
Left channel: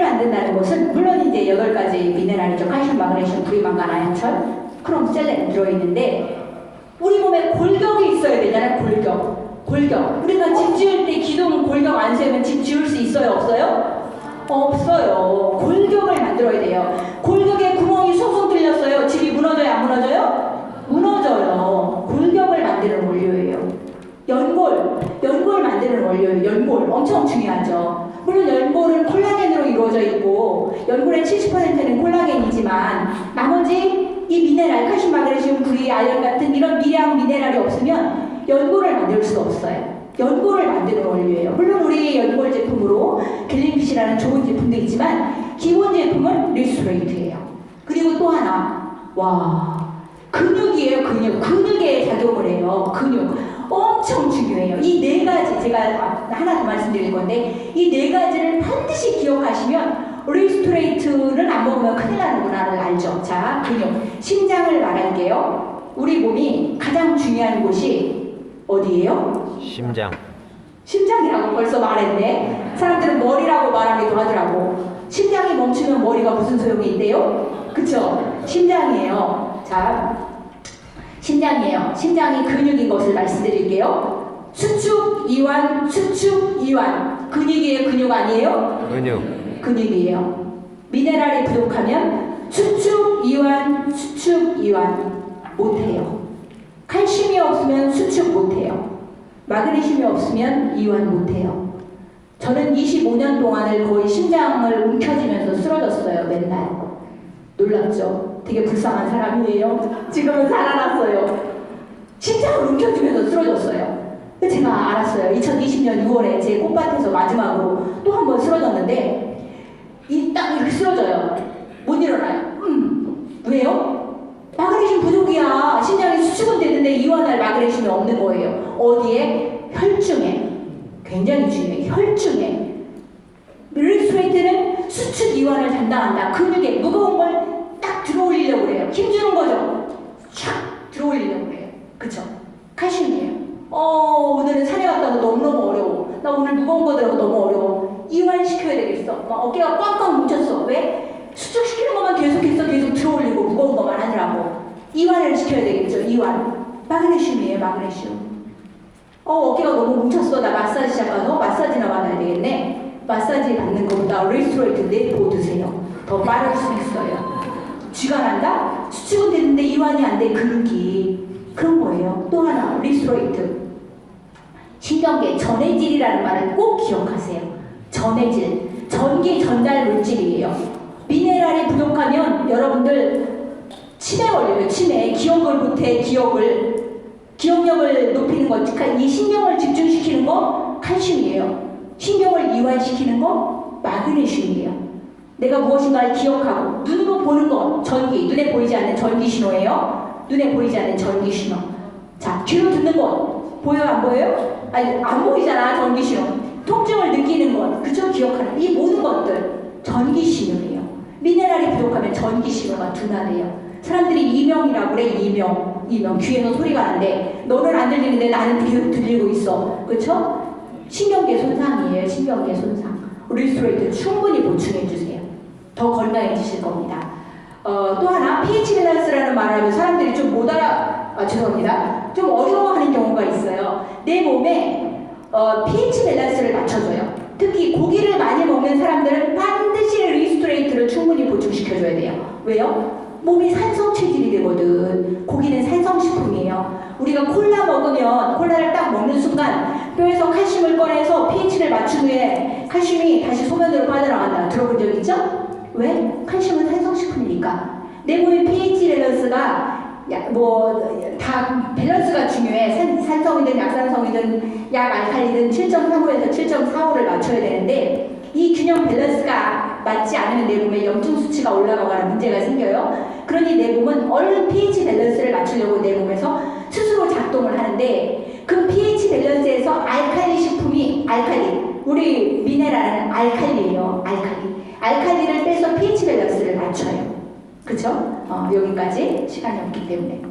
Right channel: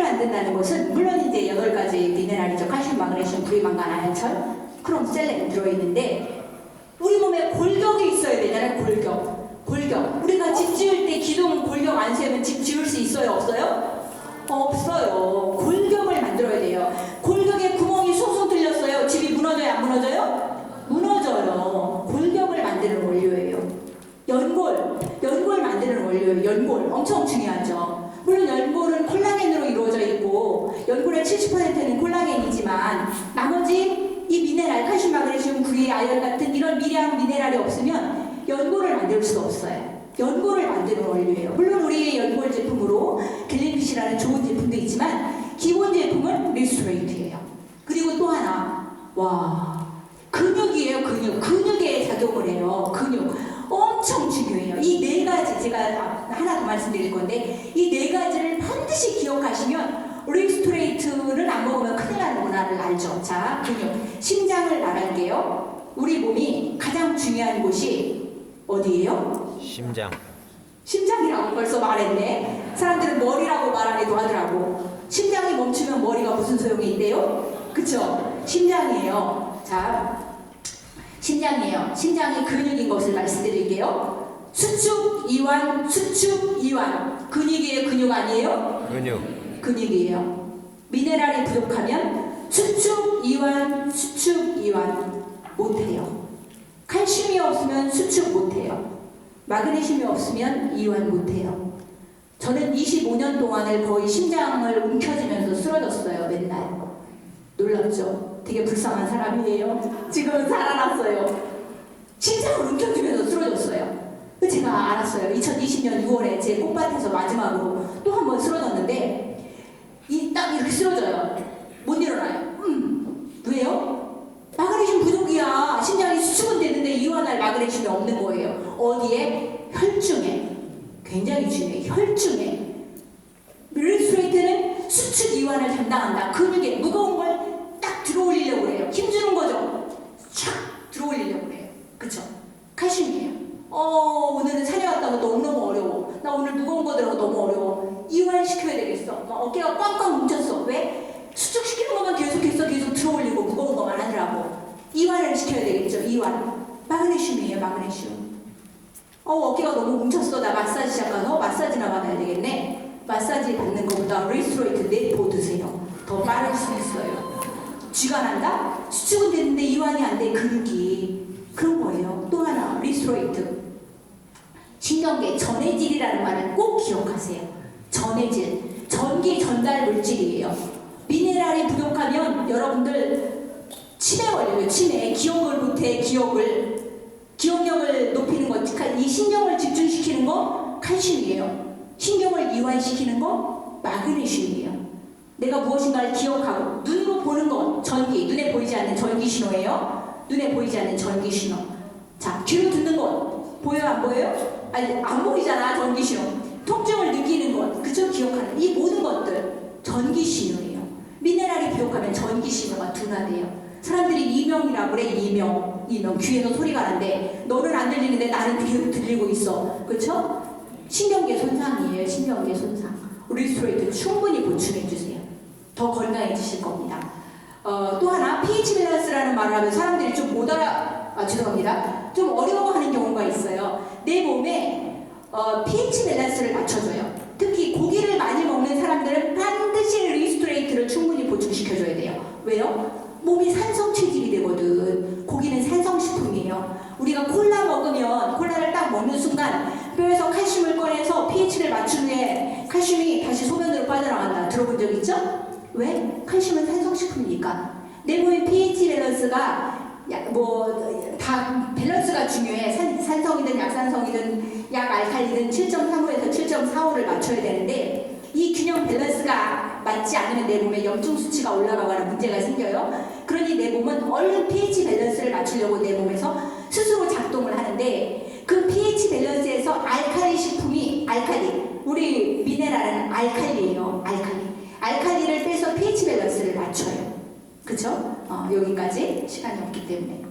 만든다는 것은, 물론 이제 8가지 미네랄이죠. 칼슘, 마그네슘, 부리만간, 아연철, 크롬, 셀렌 들어있는데, 우리 몸에 골격이 있어야 되잖아요, 골격. 우리가 집 지을 때 기둥 골격 안 세우면 집 지을 수 있어요, 없어요? 없어요. 골격을 만들어야 돼요. 골격에 구멍이 숭숭 뚫렸어요. 집이 무너져요, 안 무너져요? 무너져요. 골격을 만드는 원료예요. 연골 만드는 원료예요. 연골 엄청 중요하죠. 물론 연골은 콜라겐으로 이루어져 있고 연골의 70%는 콜라겐이지만 나머지 이 미네랄, 칼슘, 마그네슘, 구리, 아연 같은 이런 미량 미네랄이 없으면 연골을 만들 수가 없어요. 연골을 만드는 원료예요. 물론 우리 연골 제품으로 갤린피쉬라는 좋은 제품도 있지만 기본 제품은 리스토레이트예요. 그리고 또 하나, 와, 근육이에요. 근육에 작용을 해요. 근육 엄청 중요해요. 이 4가지 제가 하나 더 말씀드릴 건데 이 4가지를 반드시 기억하시면 리스토레이트를 안 먹으면 큰일 나는구나를 알죠. 자, 근육, 심장을 말할게요. 우리 몸이 가장 중요한 곳이 어디예요? 심장이라고 벌써 말했네. 사람들은 머리라고 말하기도 하더라고. 심장이 멈추면 머리가 무슨 소용이 있대요? 그쵸? 심장이에요. 자, 심장이에요. 심장이 근육인 것을 말씀드릴게요. 수축, 이완. 근육이에요, 근육 아니에요? 근육이에요. 미네랄이 부족하면 수축, 이완 못해요. 칼슘이 없으면 수축 못해요. 마그네슘이 없으면 이완 못해요. 저는 25년 동안을 거의 심장을 움켜쥐면서 쓰러졌어요. 맨날. 놀랍죠? 되게 불쌍한 사람이에요. 지금은 살아났어요. 심장을 움켜쥐면서 쓰러졌어요. 제가 알았어요. 2020년 6월에 제 꽃밭에서 마지막으로 또 한 번 쓰러졌는데 딱 이렇게 쓰러져요. 못 일어나요. 왜요? 마그네슘 부족이야. 심장이 수축은 되는데 이완할 마그네슘이 없는 거예요. 어디에? 혈중에. 굉장히 중요해요. 혈중에. 릴스트레이트는 수축 이완을 담당한다. 근육에 무거운 걸 딱 들어올리려고 그래요. 힘주는 거죠. 촥 들어올리려고 그래요. 그쵸? 칼슘이에요. 오늘은 산에 갔다고 너무너무 어려워. 나 오늘 무거운 거 들어가 너무 어려워. 이완시켜야 되겠어. 막 어깨가 꽉꽉 뭉쳤어. 왜? 수축시키는 것만 계속해서 계속 들어올리고 무거운 것만 하느라고. 이완을 시켜야 되겠죠. 이완. 마그네슘이에요. 마그네슘. 어깨가 너무 뭉쳤어. 나 마사지 시작해서 마사지나 받아야 되겠네. 마사지 받는 것보다 리스토레이트 내포 드세요. 더 빠를 수 있어요. 쥐가 난다? 수축은 되는데 이완이 안 돼. 근육이. 그런 거예요. 또 하나 리스토레이트. 신경계 전해질이라는 말을 꼭 기억하세요. 전해질. 전기 전달 물질이에요. 미네랄이 부족하면 여러분들 치매 걸려요. 치매. 기억을 못해. 기억력을 높이는 거. 이 신경을 집중시키는 거 칼슘이에요. 신경을 이완시키는 거 마그네슘이에요. 내가 무엇인가를 기억하고 눈으로 보는 것 전기. 눈에 보이지 않는 전기 신호예요. 눈에 보이지 않는 전기 신호. 자, 귀로 듣는 것 보여요? 안 보여요? 아니, 안 보이잖아. 전기 신호. 통증을 느끼는 것. 그쵸? 기억하는 이 모든 것들 전기 신호예요. 미네랄이 부족하면 전기 신호가 둔화돼요. 사람들이 이명이라고 그래. 이명. 귀에서 소리가 나는데 너는 안 들리는데 나는 계속 들리고 있어. 그쵸? 신경계 손상이에요. 신경계 손상. 리스토레이트 충분히 보충해주세요. 더 건강해지실 겁니다. 또 하나 pH 밸런스라는 말을 하면 사람들이 좀 못 죄송합니다. 좀 어려워하는 경우가 있어요. 내 몸에 pH 밸런스를 맞춰줘요. 특히 고기를 많이 먹는 사람들은 반드시 리스토레이트를 충분히 보충시켜줘야 돼요. 왜요? 몸이 산성 체질이 되거든. 고기는 산성식품이에요. 우리가 콜라 먹으면 콜라를 딱 먹는 순간 뼈에서 칼슘을 꺼내서 pH를 맞춘 후에 칼슘이 다시 소변으로 빠져나간다. 들어본 적 있죠? 왜? 칼슘은 산성식품이니까. 내 몸의 pH 밸런스가 다 밸런스가 중요해. 산성이든 약산성이든 약 알칼리든 7.35에서 7.45를 맞춰야 되는데 이 균형 밸런스가 맞지 않으면 내 몸에 염증 수치가 올라가거나 문제가 생겨요. 그러니 내 몸은 얼른 pH 밸런스를 맞추려고 내 몸에서 스스로 작동을 하는데 그 pH 밸런스에서 알칼리 식품이 우리 미네랄은 알칼리예요. 알칼리를 빼서 pH 밸런스를 맞춰요. 그쵸? 여기까지 시간이 없기 때문에.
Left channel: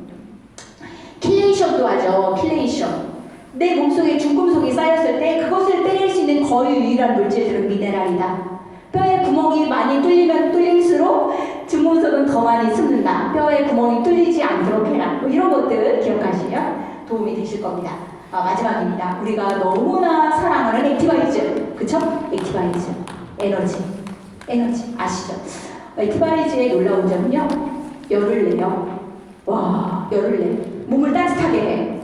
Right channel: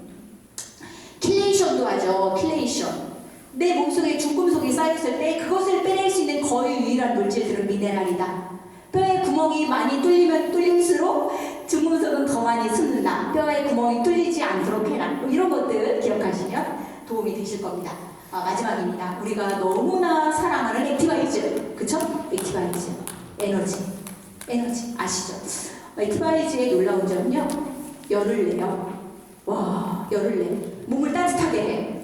킬레이션도 하죠. 킬레이션. 내 몸속에 중금속이 쌓였을 때 그것을 빼낼 수 있는 거의 유일한 물질들은 미네랄이다. 뼈에 구멍이 많이 뚫리면 뚫릴수록 중금속은 더 많이 숨는다. 뼈에 구멍이 뚫리지 않도록 해라. 이런 것들 기억하시면 도움이 되실 겁니다. 마지막입니다. 우리가 너무나 사랑하는 액티바이즈. 그쵸? 액티바이즈. 에너지. 아시죠? 액티바이즈의 놀라운 점은요. 열을 내요. 와, 열을 내. 몸을 따뜻하게 해.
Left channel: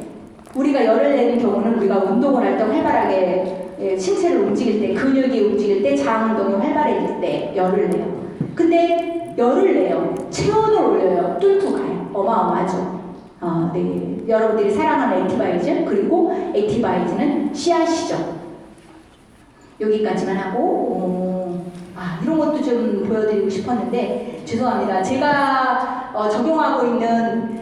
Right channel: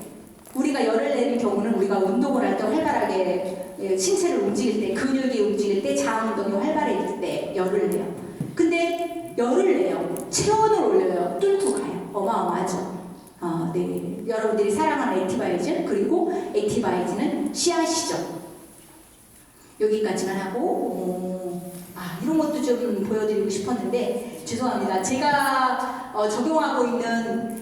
우리가 열을 내는 경우는 우리가 운동을 할 때 활발하게 신체를 움직일 때, 근육이 움직일 때, 장 운동이 활발해질 때 열을 내요. 근데 열을 내요. 체온을 올려요. 뚫고 가요. 어마어마하죠. 네. 여러분들이 사랑하는 액티바이즈, 그리고 액티바이즈는 씨앗이죠. 여기까지만 하고 이런 것도 좀 보여드리고 싶었는데 죄송합니다. 제가 적용하고 있는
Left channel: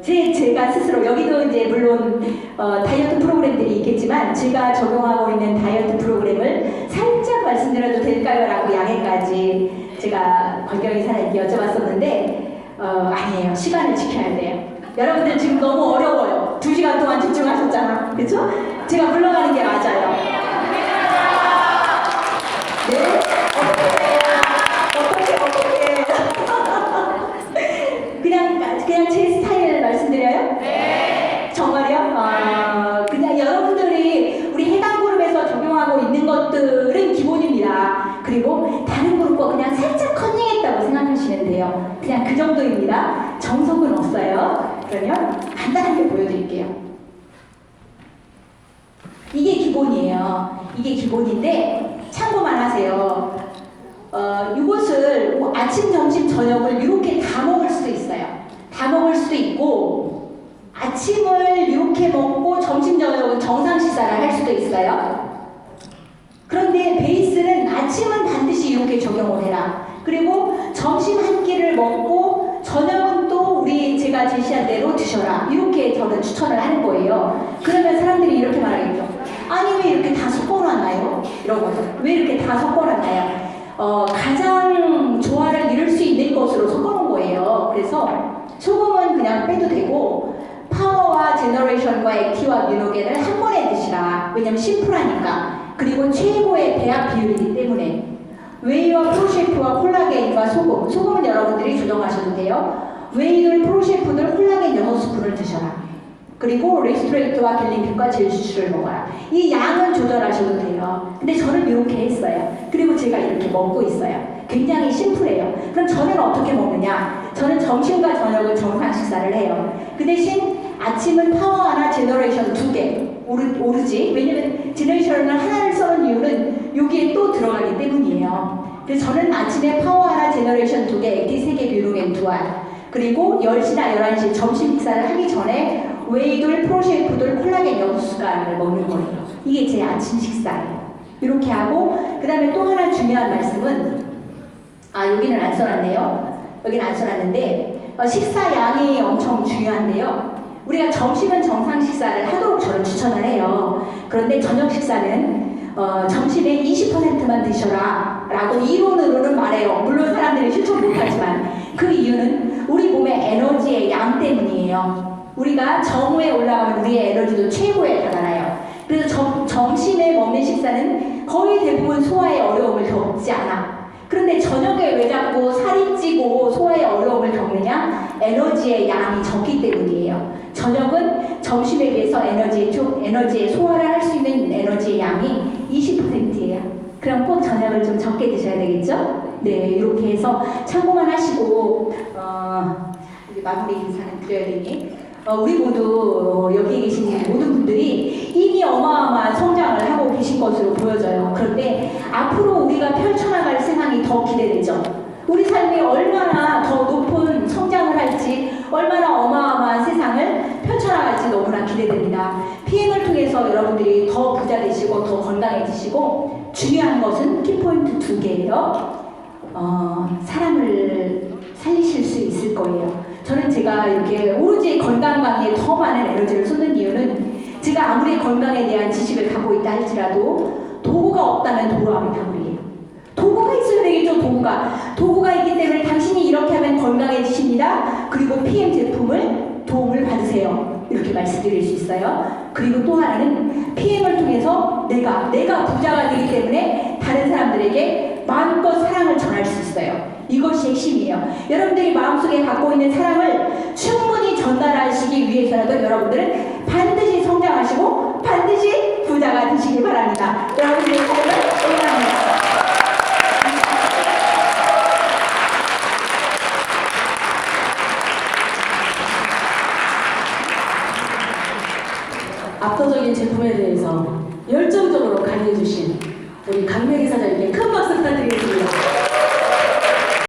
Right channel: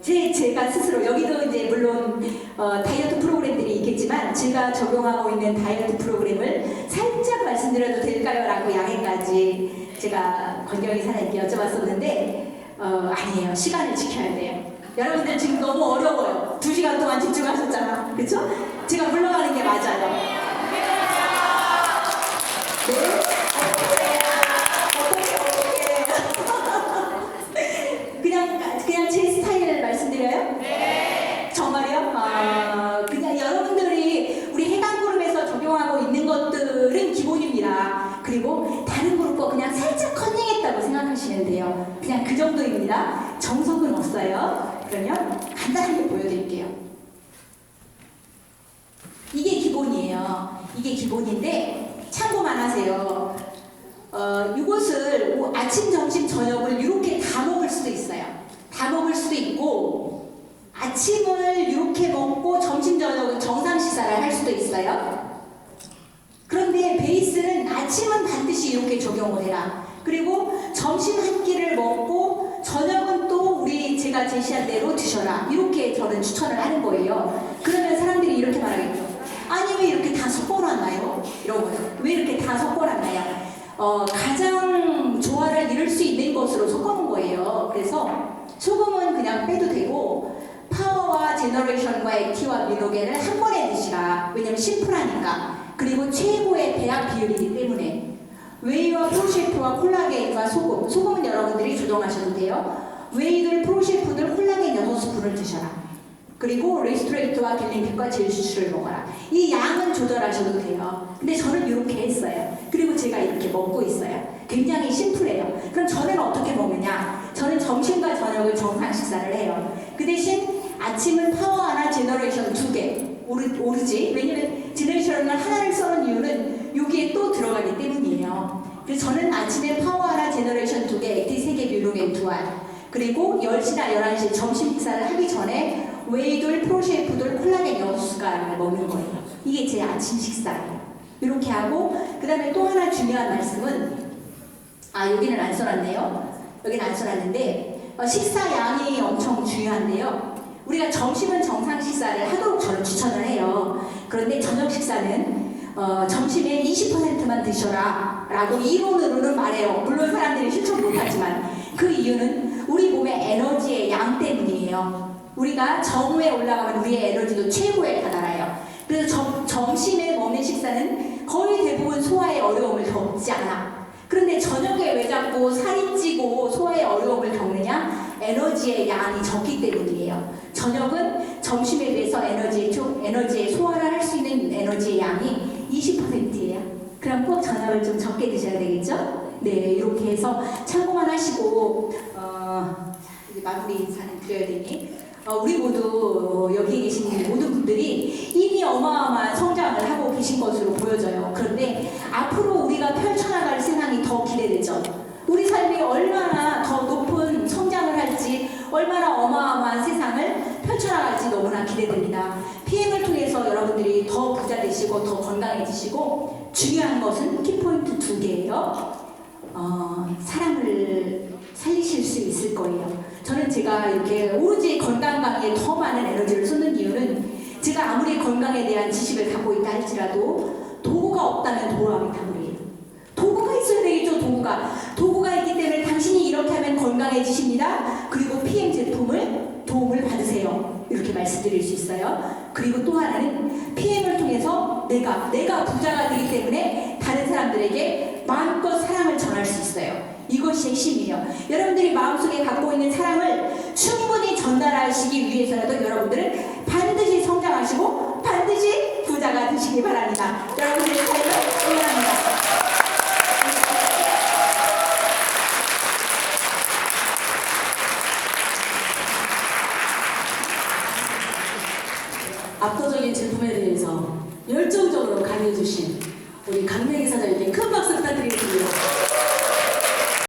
제가 스스로 여기도 이제 물론 다이어트 프로그램들이 있겠지만 제가 적용하고 있는 다이어트 프로그램을 살짝 말씀드려도 될까요? 라고 양해까지 제가 권경희 사장님께 여쭤봤었는데 아니에요. 시간을 지켜야 돼요. 여러분들 지금 너무 어려워요. 2시간 동안 집중하셨잖아. 그쵸? 제가 물러가는 게 맞아요. 네? 어떻게 그냥 제 스타일을 말씀드려요? 네. 정말요? 그냥 여러분들이 우리 해당 그룹에서 적용하고 있는 것들은 기본입니다. 그리고 다른 그룹과 그냥 살짝 커닝했다고 생각하시면 돼요. 그냥 그 정도입니다. 정석은 없어요. 그러면 간단하게 보여드릴게요. 이게 기본이에요. 이게 기본인데 참고만 하세요. 이것을 아침, 점심, 저녁을 이렇게 다 먹을 수도 있어요. 다 먹을 수도 있고 아침을 이렇게 먹고 점심, 저녁은 정상 식사를 할 수도 있어요. 그런데 베이스는 아침은 반드시 이렇게 적용을 해라. 그리고 점심 한 끼를 먹고 저녁은 대로 드셔라. 이렇게 저는 추천을 하는 거예요. 그러면 사람들이 이렇게 말하겠죠. 아니 왜 이렇게 다 섞어놨나요? 이러고서 왜 이렇게 다 섞어놨나요? 가장 조화를 이룰 수 있는 것으로 섞어놓은 거예요. 그래서 소금은 그냥 빼도 되고 파워와 제너레이션과 액티와 뮤노겐을 한 번에 드시라. 왜냐면 심플하니까. 그리고 최고의 배합 비율이기 때문에 웨이와 프로셰프와 콜라겐과 소금은 여러분들이 조정하셔도 돼요. 웨이들, 프로셰프들, 콜라겐 6스푼을 드셔라. 그리고 레스토레이트와 갤린핏과 젤슈를 먹어라. 이 양은 조절하셔도 돼요. 근데 저는 이렇게 했어요. 그리고 제가 이렇게 먹고 있어요. 굉장히 심플해요. 그럼 저는 어떻게 먹느냐? 저는 점심과 저녁을 정상 식사를 해요. 그 대신 아침은 파워 하나, 제너레이션 2개 오르지. 왜냐면 제너레이션을 하나를 써는 이유는 여기에 또 들어가기 때문이에요. 그래서 저는 아침에 파워 하나, 제너레이션 2개, 액티 3개, 뮤노겐 2알. 그리고 10시나 11시 점심 식사를 하기 전에 웨이돌, 프로셰프돌, 콜라겐 6숟갈을 먹는 거예요. 이게 제 아침 식사예요. 이렇게 하고 그 다음에 또 하나 중요한 말씀은 여기는 안 써놨네요. 여기는 안 써놨는데 식사 양이 엄청 중요한데요. 우리가 점심은 정상 식사를 하도록 저는 추천을 해요. 그런데 저녁 식사는 점심에 20%만 드셔라 라고 이론으로는 말해요. 물론 사람들이 실천 못하지만 그 이유는 우리 몸의 에너지의 양 때문이에요. 우리가 정오에 올라가면 우리의 에너지도 최고에 달아나요. 그래서 점심에 먹는 식사는 거의 대부분 소화에 어려움을 겪지 않아. 그런데 저녁에 왜 자꾸 살이 찌고 소화에 어려움을 겪느냐? 에너지의 양이 적기 때문이에요. 저녁은 점심에 비해서 에너지의 소화를 할 수 있는 에너지의 양이 20%예요. 그럼 꼭 저녁을 좀 적게 드셔야 되겠죠? 네, 이렇게 해서 참고만 하시고 이제 마무리 인사는 드려야 되니 우리 모두 여기 계신 모든 분들이 이미 어마어마한 성장을 하고 계신 것으로 보여져요. 그런데 앞으로 우리가 펼쳐나갈 세상이 더 기대되죠. 우리 삶이 얼마나 더 높은 성장을 할지, 얼마나 어마어마한 세상을 펼쳐나갈지 너무나 기대됩니다. PM을 통해서 여러분들이 더 부자 되시고 더 건강해지시고, 중요한 것은 키포인트 2개예요. 사람을 살리실 수 있을 거예요. 저는 제가 이렇게 오로지 건강 강의에 더 많은 에너지를 쏟는 이유는 제가 아무리 건강에 대한 지식을 갖고 있다 할지라도 도구가 없다면 도로하면 다물이에요. 도구가 있어야 되겠죠. 도구가 있기 때문에 당신이 이렇게 하면 건강해지십니다. 그리고 PM 제품을 도움을 받으세요. 이렇게 말씀드릴 수 있어요. 그리고 또 하나는 PM을 통해서 내가 부자가 되기 때문에 다른 사람들에게 마음껏 사랑을 전할 수 있어요. 이것이 핵심이에요. 여러분들이 마음속에 갖고 있는 사랑을 충분히 전달하시기 위해서라도 여러분들은 반드시 성장하시고 반드시 부자가 되시기 바랍니다. 여러분들의 삶을 응원합니다. 압도적인 제품에 대해서 열정적으로 강의해주신 우리 강매기 사장님께 큰 박수 부탁드리겠습니다.